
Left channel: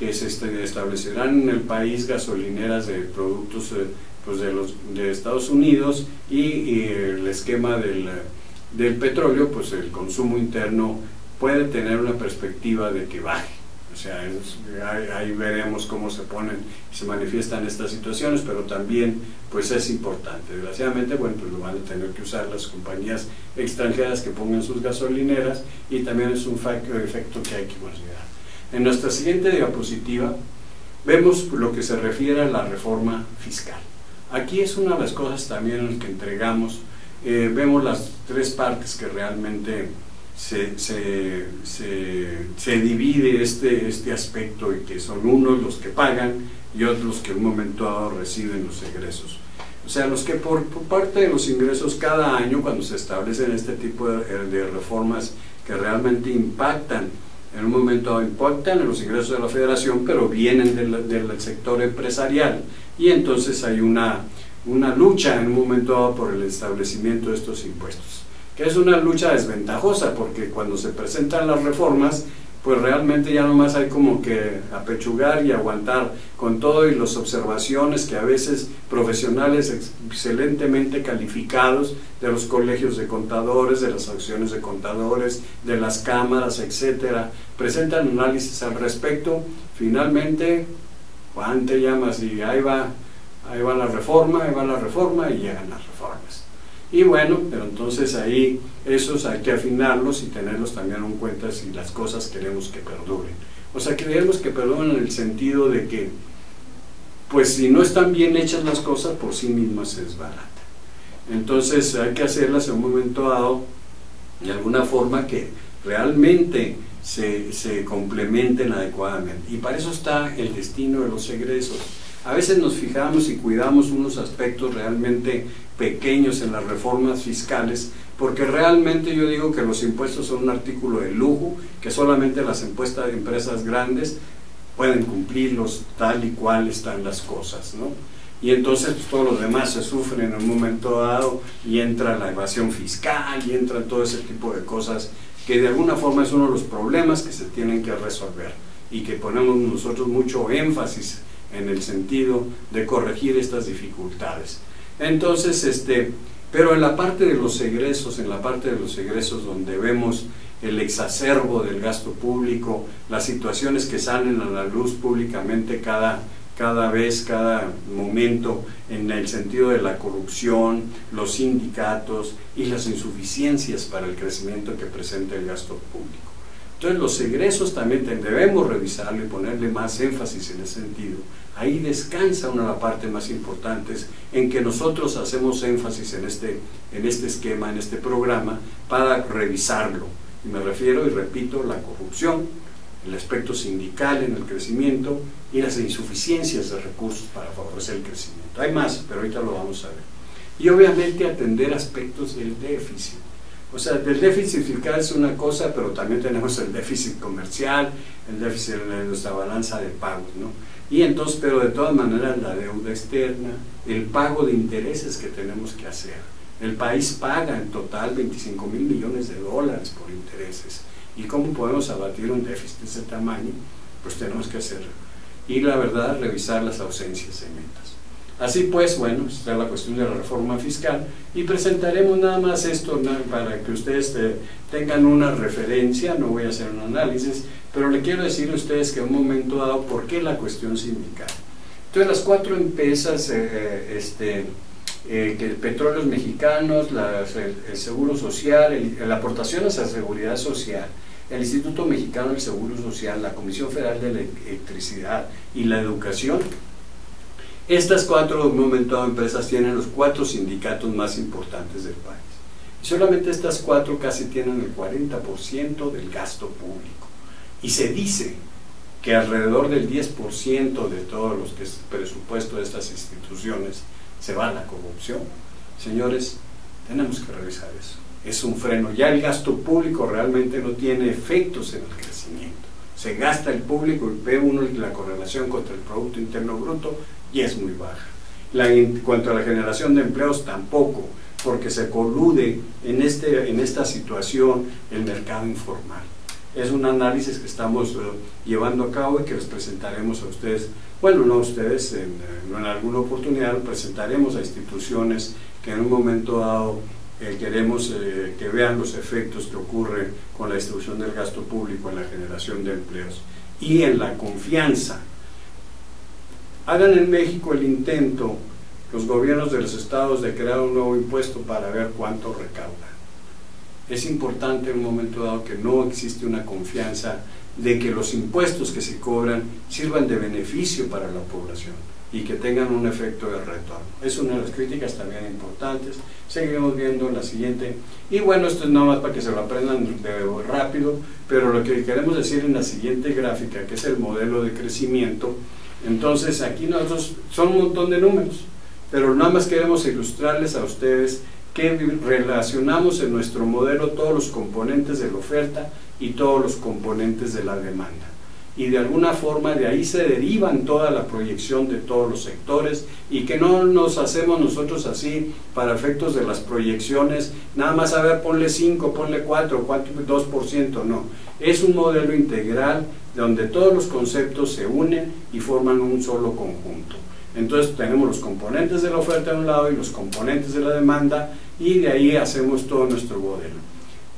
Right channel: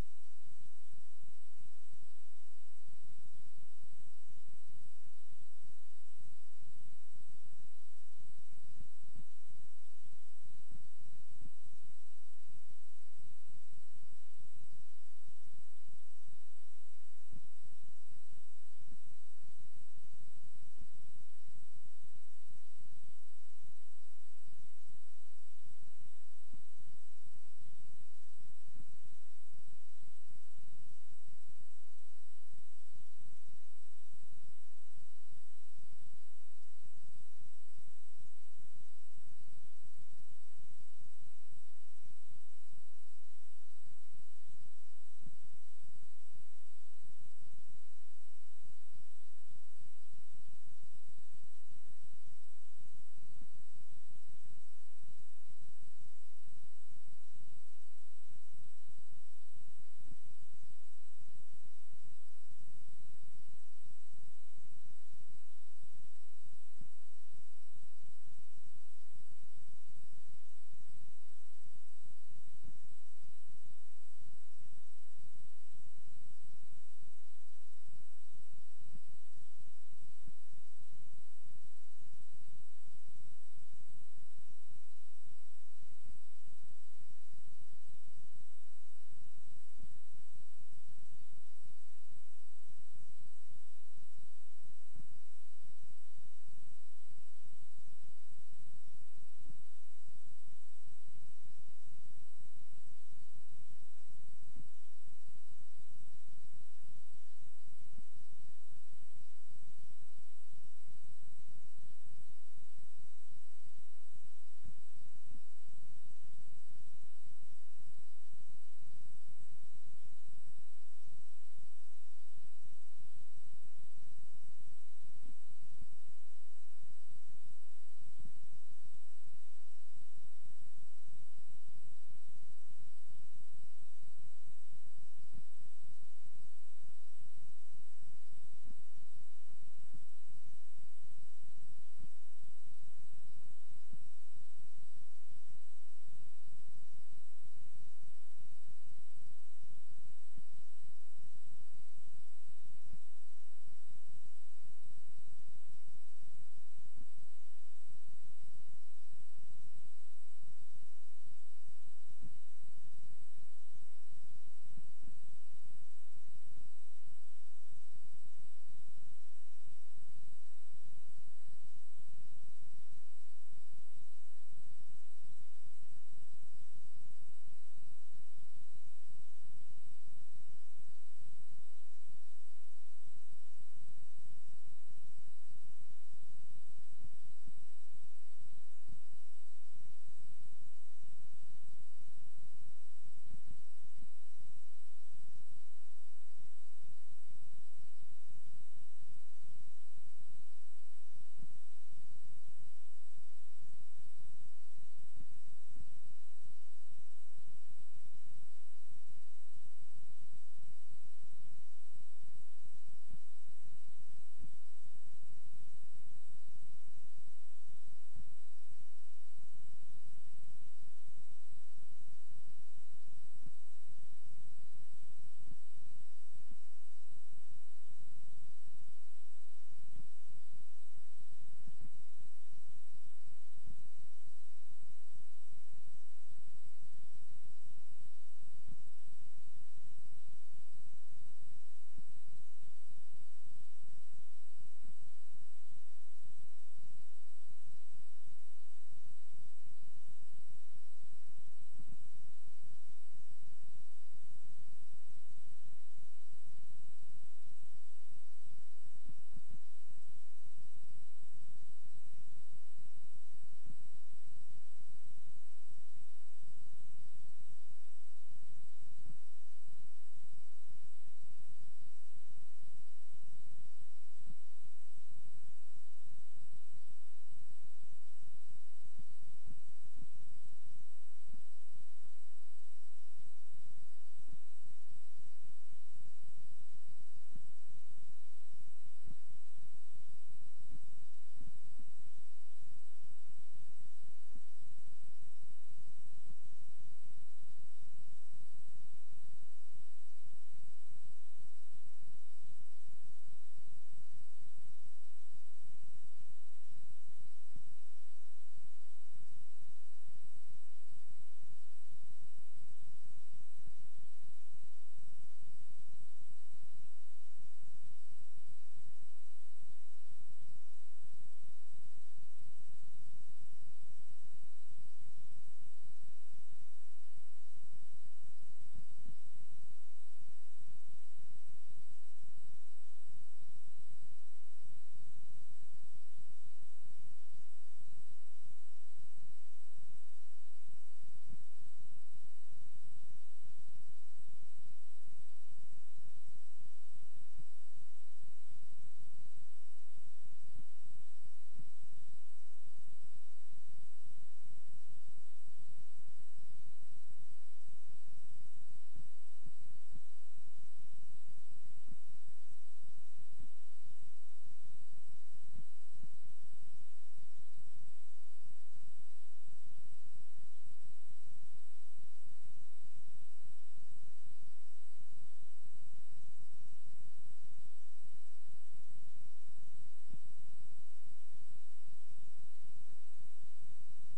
que se establecerán en el país gasolineras de productos pues de Estados Unidos y el esquema del petróleo, pues el consumo interno puede tener una perspectiva de que baje. O sea, ahí veremos cómo se manifiestan estas situaciones, pero también pues es importante. Desgraciadamente, bueno, pues lo van a tener que usar las compañías extranjeras que pongan sus gasolineras, y también es un efecto que hay que considerar. En nuestra siguiente diapositiva vemos lo que se refiere a la reforma fiscal. Aquí es una de las cosas también en las que entregamos, vemos las tres partes que realmente se divide este aspecto, y que son unos los que pagan y otros los que en un momento dado reciben los egresos. O sea, los que por parte de los ingresos cada año, cuando se establecen este tipo de reformas que realmente impactan, en un momento dado impactan en los ingresos de la federación, pero vienen del sector empresarial, y entonces hay una lucha en un momento dado por el establecimiento de estos impuestos, que es una lucha desventajosa, porque cuando se presentan las reformas, pues realmente ya nomás hay como que apechugar y aguantar con todo, y las observaciones que a veces profesionales excelentemente calificados de los colegios de contadores, de las asociaciones de contadores, de las cámaras, etcétera, presentan análisis al respecto. Finalmente, Juan te llamas y ahí va la reforma, y llegan las reformas. Y bueno, pero entonces ahí esos hay que afinarlos y tenerlos también en cuenta si las cosas queremos que perduren. O sea, queremos que perduren en el sentido de que, pues si no están bien hechas las cosas, por sí mismas se desbaratan. Entonces hay que hacerlas en un momento dado de alguna forma que realmente se complementen adecuadamente. Y para eso está el destino de los egresos. A veces nos fijamos y cuidamos unos aspectos realmente pequeños en las reformas fiscales, porque realmente yo digo que los impuestos son un artículo de lujo, que solamente las empresas grandes pueden cumplirlos tal y cual están las cosas, ¿no? Y entonces pues, todos los demás se sufren en un momento dado, y entra la evasión fiscal, y entra todo ese tipo de cosas, que de alguna forma es uno de los problemas que se tienen que resolver, y que ponemos nosotros mucho énfasis en el sentido de corregir estas dificultades. Entonces, pero en la parte de los egresos, donde vemos el exacerbo del gasto público, las situaciones que salen a la luz públicamente cada momento, en el sentido de la corrupción, los sindicatos y las insuficiencias para el crecimiento que presenta el gasto público. Entonces los egresos también debemos revisarlo y ponerle más énfasis en ese sentido. Ahí descansa una de las partes más importantes en que nosotros hacemos énfasis en este esquema, en este programa, para revisarlo. Y me refiero, y repito, la corrupción, el aspecto sindical en el crecimiento y las insuficiencias de recursos para favorecer el crecimiento. Hay más, pero ahorita lo vamos a ver. Y obviamente atender aspectos del déficit. O sea, del déficit fiscal es una cosa, pero también tenemos el déficit comercial, el déficit de nuestra balanza de pagos, ¿no? Y entonces, pero de todas maneras, la deuda externa, el pago de intereses que tenemos que hacer. El país paga en total 25,000 millones de dólares por intereses. ¿Y cómo podemos abatir un déficit de ese tamaño? Pues tenemos que hacerlo. Y la verdad, revisar las ausencias de metas. Así pues, bueno, está la cuestión de la reforma fiscal, y presentaremos nada más esto para que ustedes tengan una referencia. No voy a hacer un análisis, pero le quiero decir a ustedes que en un momento dado, ¿por qué la cuestión sindical? Entonces las cuatro empresas, Petróleos Mexicanos, el Seguro Social, la aportación hacia la Seguridad Social, el Instituto Mexicano del Seguro Social, la Comisión Federal de Electricidad y la Educación, estas cuatro, en un momento dado, empresas tienen los 4 sindicatos más importantes del país. Y solamente estas 4 casi tienen el 40% del gasto público. Y se dice que alrededor del 10% de todos los que es el presupuesto de estas instituciones se va a la corrupción. Señores, tenemos que revisar eso. Es un freno. Ya el gasto público realmente no tiene efectos en el crecimiento. Se gasta el público y ve uno la correlación contra el Producto Interno Bruto y es muy baja. En cuanto a la generación de empleos, tampoco, porque se colude en esta situación el mercado informal. Es un análisis que estamos llevando a cabo y que les presentaremos a ustedes, bueno, no a ustedes, en alguna oportunidad lo presentaremos a instituciones que en un momento dado queremos que vean los efectos que ocurren con la distribución del gasto público en la generación de empleos y en la confianza. Hagan en México el intento, los gobiernos de los estados, de crear un nuevo impuesto para ver cuánto recauda. Es importante en un momento dado que no existe una confianza de que los impuestos que se cobran sirvan de beneficio para la población y que tengan un efecto de retorno. Es una de las críticas también importantes. Seguiremos viendo en la siguiente. Y bueno, esto es nada más para que se lo aprendan rápido, pero lo que queremos decir en la siguiente gráfica, que es el modelo de crecimiento, entonces aquí nosotros son un montón de números, pero nada más queremos ilustrarles a ustedes que relacionamos en nuestro modelo todos los componentes de la oferta y todos los componentes de la demanda. Y de alguna forma de ahí se derivan toda la proyección de todos los sectores, y que no nos hacemos nosotros así para efectos de las proyecciones, nada más a ver, ponle 5, ponle 4, 2%, no. Es un modelo integral donde todos los conceptos se unen y forman un solo conjunto. Entonces tenemos los componentes de la oferta de un lado y los componentes de la demanda, y de ahí hacemos todo nuestro modelo.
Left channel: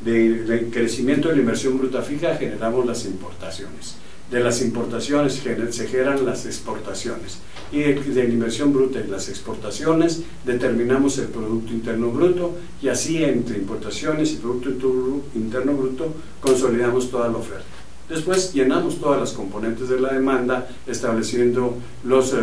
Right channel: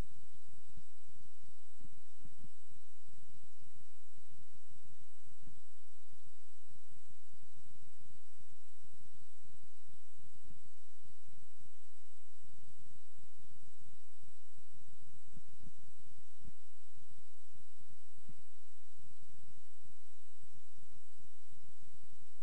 De crecimiento de la inversión bruta fija generamos las importaciones. De las importaciones se generan las exportaciones, y de la inversión bruta y las exportaciones determinamos el Producto Interno Bruto, y así entre importaciones y Producto Interno Bruto consolidamos toda la oferta. Después llenamos todas las componentes de la demanda estableciendo los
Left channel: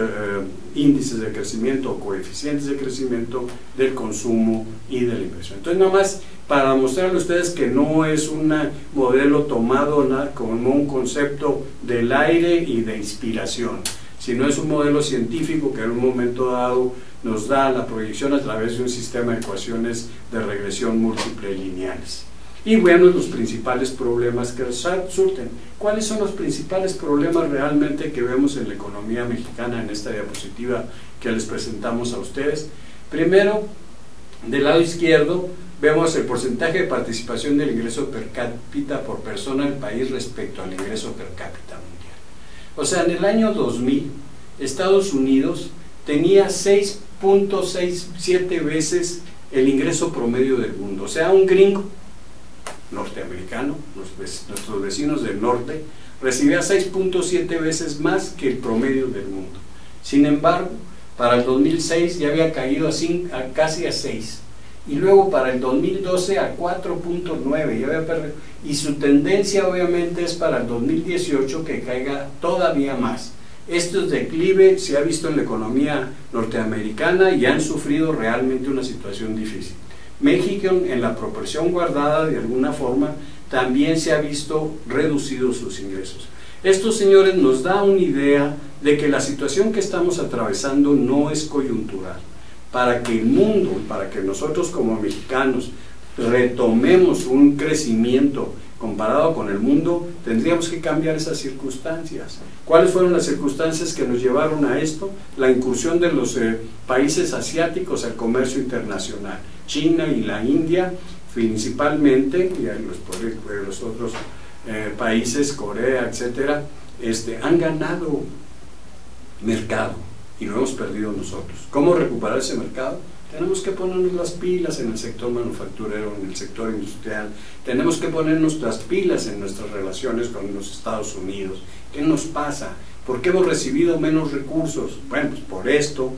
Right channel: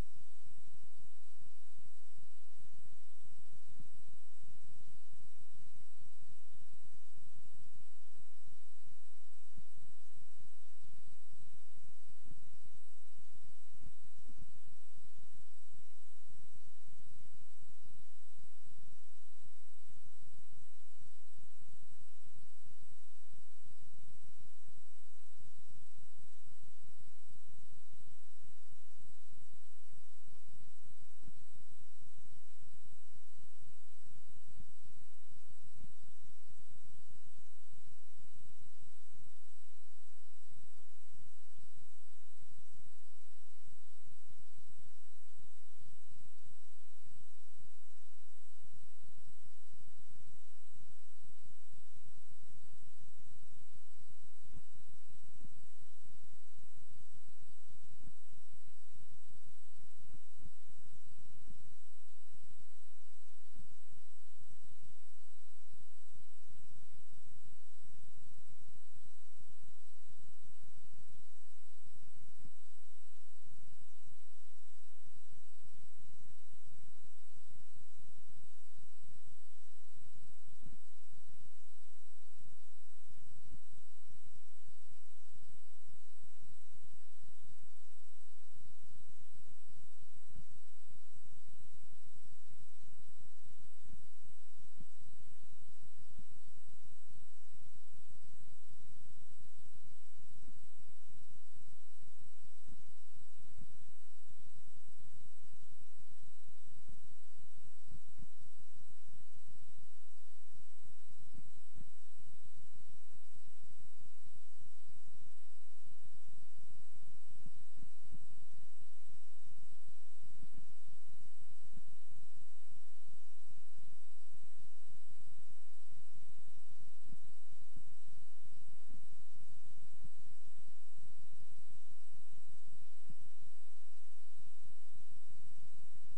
índices de crecimiento o coeficientes de crecimiento del consumo y de la inversión. Entonces, nada más para mostrarle a ustedes que no es un modelo tomado como un concepto del aire y de inspiración, sino es un modelo científico que en un momento dado nos da la proyección a través de un sistema de ecuaciones de regresión múltiple lineales. Y bueno, los principales problemas que surten. ¿Cuáles son los principales problemas realmente que vemos en la economía mexicana en esta diapositiva que les presentamos a ustedes? Primero, del lado izquierdo, vemos el porcentaje de participación del ingreso per cápita por persona del país respecto al ingreso per cápita mundial. O sea, en el año 2000, Estados Unidos tenía 6.67 veces el ingreso promedio del mundo. O sea, un gringo norteamericano, nuestros vecinos del norte, recibía 6.7 veces más que el promedio del mundo. Sin embargo, para el 2006 ya había caído casi a 6, y luego para el 2012 a 4.9, y su tendencia obviamente es para el 2018 que caiga todavía más. Este declive se ha visto en la economía norteamericana y han sufrido realmente una situación difícil. México, en la proporción guardada de alguna forma, también se ha visto reducidos sus ingresos. Esto, señores, nos da una idea de que la situación que estamos atravesando no es coyuntural. Para que el mundo, para que nosotros como mexicanos retomemos un crecimiento comparado con el mundo, tendríamos que cambiar esas circunstancias. ¿Cuáles fueron las circunstancias que nos llevaron a esto? La incursión de los países asiáticos al comercio internacional. China y la India principalmente, y los otros países, Corea, etcétera, han ganado mercado y lo hemos perdido nosotros. ¿Cómo recuperar ese mercado? Tenemos que ponernos las pilas en el sector manufacturero, en el sector industrial. Tenemos que ponernos las pilas en nuestras relaciones con los Estados Unidos. ¿Qué nos pasa? ¿Por qué hemos recibido menos recursos? Bueno, pues por esto.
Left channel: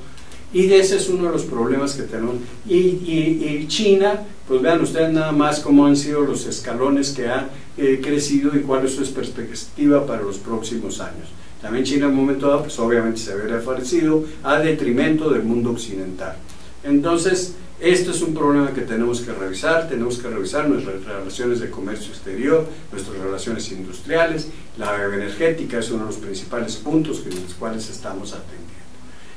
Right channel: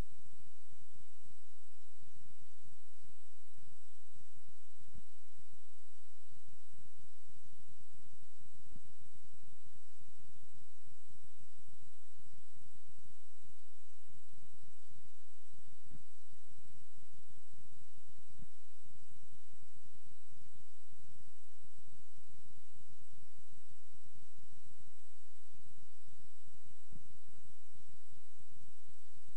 Y ese es uno de los problemas que tenemos. Y China, pues vean ustedes nada más cómo han sido los escalones que ha crecido y cuál es su perspectiva para los próximos años. También China en un momento dado, pues obviamente se había favorecido a detrimento del mundo occidental. Entonces, esto es un problema que tenemos que revisar nuestras relaciones de comercio exterior, nuestras relaciones industriales, la energética es uno de los principales puntos en los cuales estamos atendiendo.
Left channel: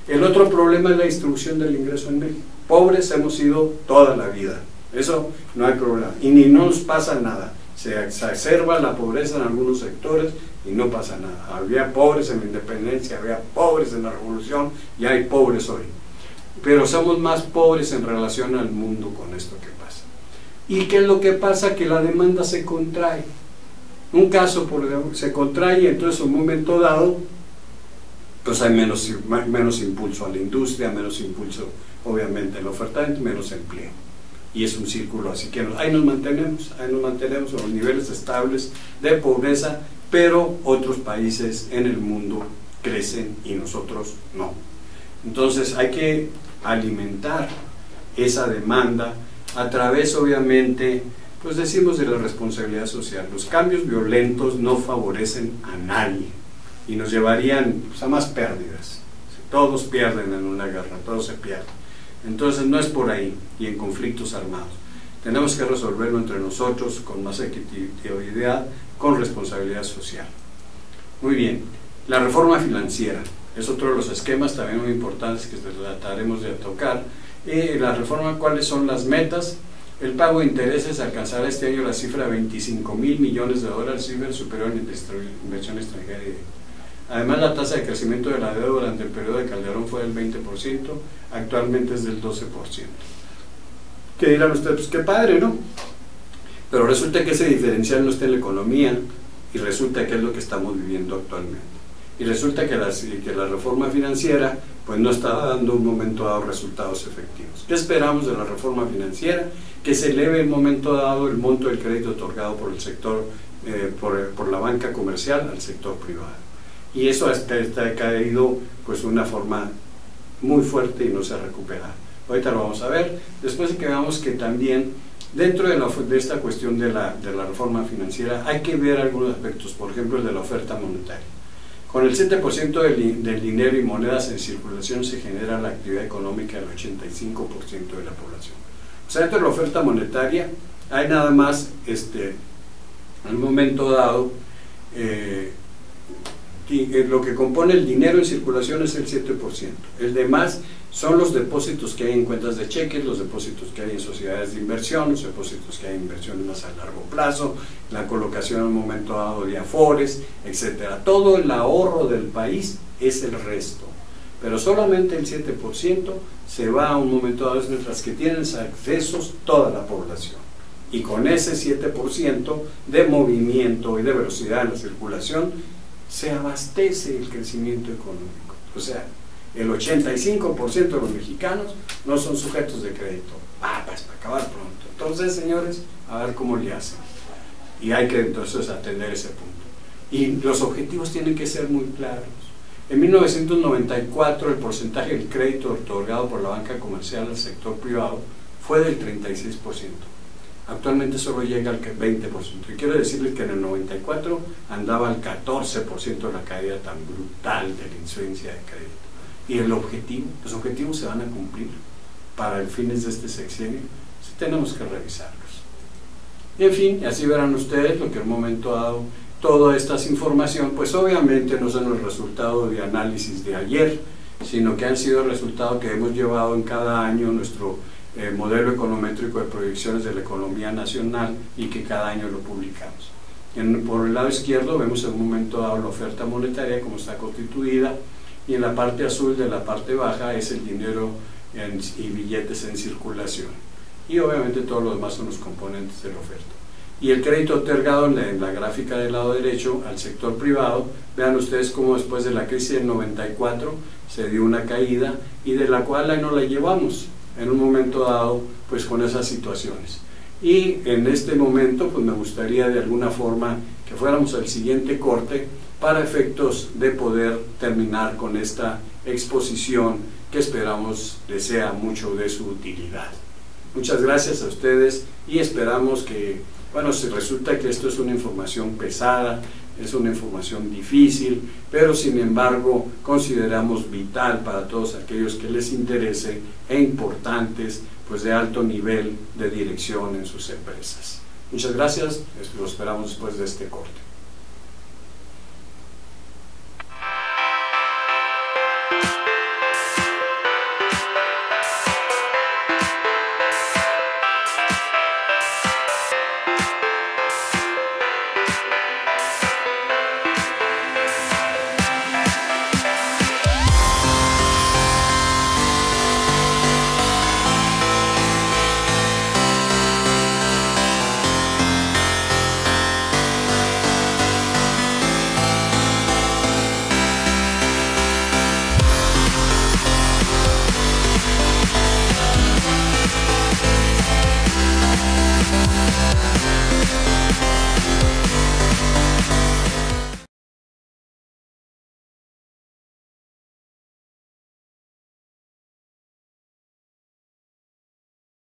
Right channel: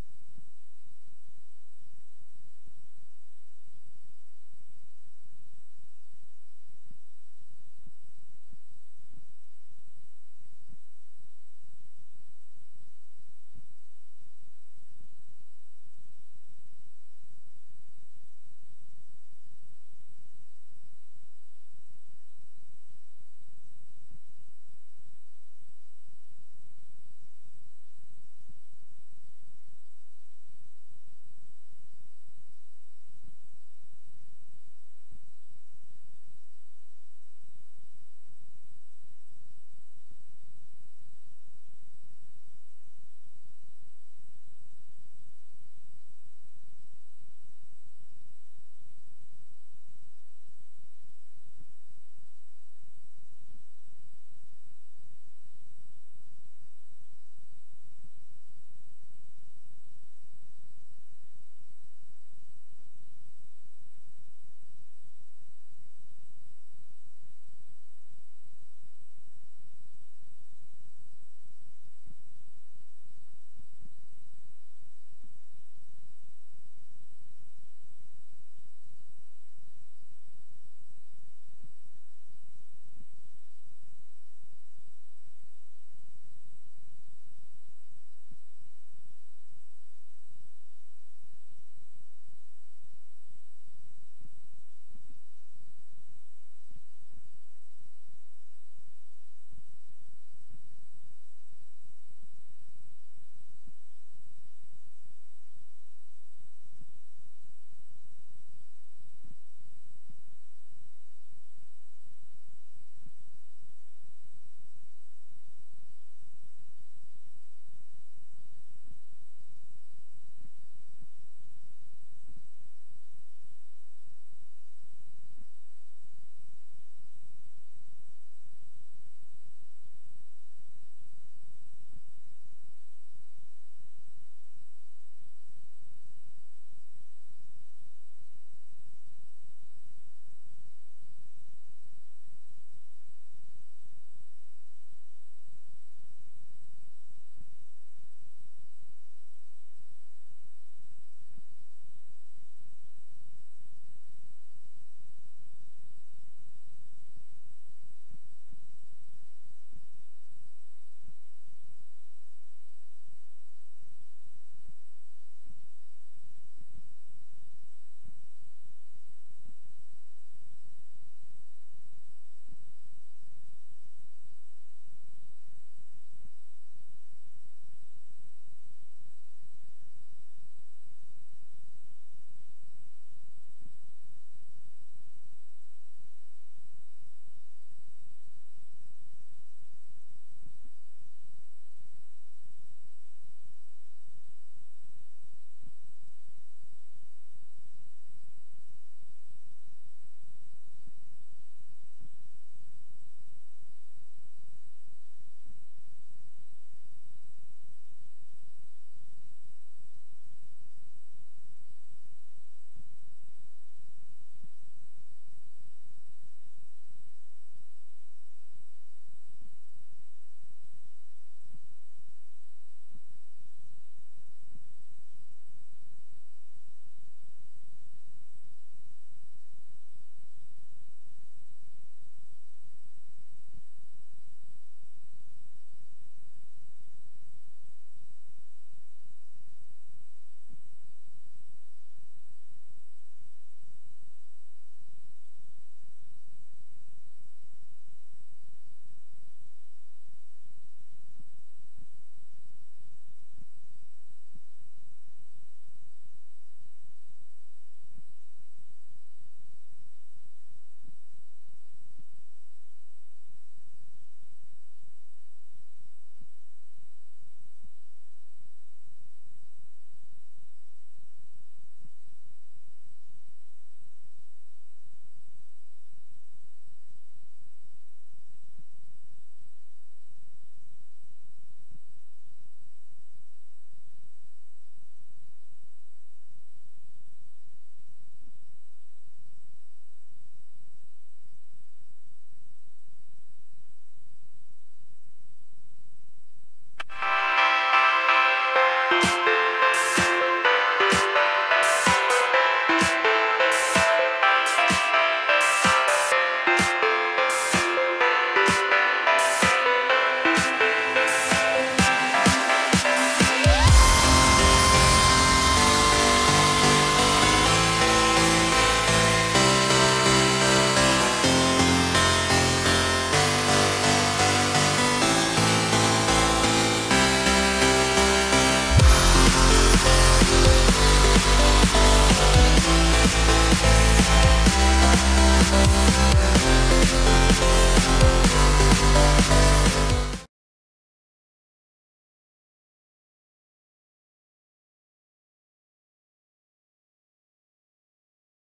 El otro problema es la distribución del ingreso en México. Pobres hemos sido toda la vida, eso no hay problema, y ni nos pasa nada. Se exacerba la pobreza en algunos sectores y no pasa nada. Había pobres en la independencia, había pobres en la revolución, y hay pobres hoy. Pero somos más pobres en relación al mundo con esto que pasa. ¿Y qué es lo que pasa? Que la demanda se contrae. un caso se contrae y entonces en un momento dado pues hay menos impulso a la industria, menos impulso obviamente a la oferta, menos empleo. Y es un círculo, así que ahí nos mantenemos a los niveles estables de pobreza, pero otros países en el mundo crecen y nosotros no. Entonces hay que alimentar esa demanda a través, obviamente, pues decimos, de la responsabilidad social. Los cambios violentos no favorecen a nadie y nos llevarían pues, a más pérdidas. Todos pierden en una guerra, todos se pierden. Entonces no es por ahí, y en conflictos armados. Tenemos que resolverlo entre nosotros con más equitatividad, con responsabilidad social. Muy bien, la reforma financiera es otro de los esquemas también muy importantes que trataremos de tocar. La reforma, ¿cuáles son las metas? El pago de intereses alcanzará este año la cifra de $25,000 millones, cifra superior en inversión extranjera. Además, la tasa de crecimiento de la deuda durante el periodo de Calderón fue del 20%, actualmente es del 12%. ¿Qué dirán ustedes? Pues qué padre, ¿no? Pero resulta que ese diferencial no está en la economía y resulta que es lo que estamos viviendo actualmente. Y resulta que la reforma financiera pues no está dando un momento dado resultados efectivos. ¿Qué esperamos de la reforma financiera? Que se eleve en un momento dado el monto del crédito otorgado por el sector, por la banca comercial al sector privado. Y eso está caído pues de una forma muy fuerte y no se ha recuperado. Ahorita lo vamos a ver, después de que veamos que también dentro de esta cuestión de la reforma financiera hay que ver algunos aspectos, por ejemplo el de la oferta monetaria. Con el 7% del dinero y monedas en circulación se genera la actividad económica del 85% de la población. O sea, dentro de la oferta monetaria hay nada más, en un momento dado, lo que compone el dinero en circulación es el 7%. El demás son los depósitos que hay en cuentas de cheques, los depósitos que hay en sociedades de inversión, los depósitos que hay en inversiones más a largo plazo, la colocación en un momento dado de afores, etc. Todo el ahorro del país es el resto, pero solamente el 7% se va a un momento dado, mientras que tienen accesos toda la población. Y con ese 7% de movimiento y de velocidad en la circulación se abastece el crecimiento económico. O sea, el 85% de los mexicanos no son sujetos de crédito. Pues para acabar pronto. Entonces, señores, a ver cómo le hacen. Y hay que entonces atender ese punto. Y los objetivos tienen que ser muy claros. En 1994 el porcentaje del crédito otorgado por la banca comercial al sector privado fue del 36%. Actualmente solo llega al 20%. Y quiero decirles que en el 94 andaba al 14% de la caída tan brutal de la incidencia de crédito. Y los objetivos se van a cumplir para el fines de este sexenio. Sí, tenemos que revisarlos. Y en fin, así verán ustedes lo que en un momento dado, toda esta información, pues obviamente no son el resultado de análisis de ayer, sino que han sido el resultado que hemos llevado en cada año nuestro modelo econométrico de proyecciones de la economía nacional y que cada año lo publicamos. Por el lado izquierdo vemos en un momento dado la oferta monetaria como está constituida, y en la parte azul de la parte baja es el dinero y billetes en circulación, y obviamente todos los demás son los componentes de la oferta. Y el crédito otorgado en la gráfica del lado derecho al sector privado, vean ustedes cómo después de la crisis del 94 se dio una caída y de la cual ahí no la llevamos en un momento dado pues con esas situaciones. Y en este momento pues me gustaría de alguna forma que fuéramos al siguiente corte para efectos de poder terminar con esta exposición que esperamos les sea mucho de su utilidad. Muchas gracias a ustedes y esperamos que, bueno, si resulta que esto es una información pesada, es una información difícil, pero sin embargo consideramos vital para todos aquellos que les interese e importantes, pues de alto nivel de dirección en sus empresas. Muchas gracias, lo esperamos después de este corte.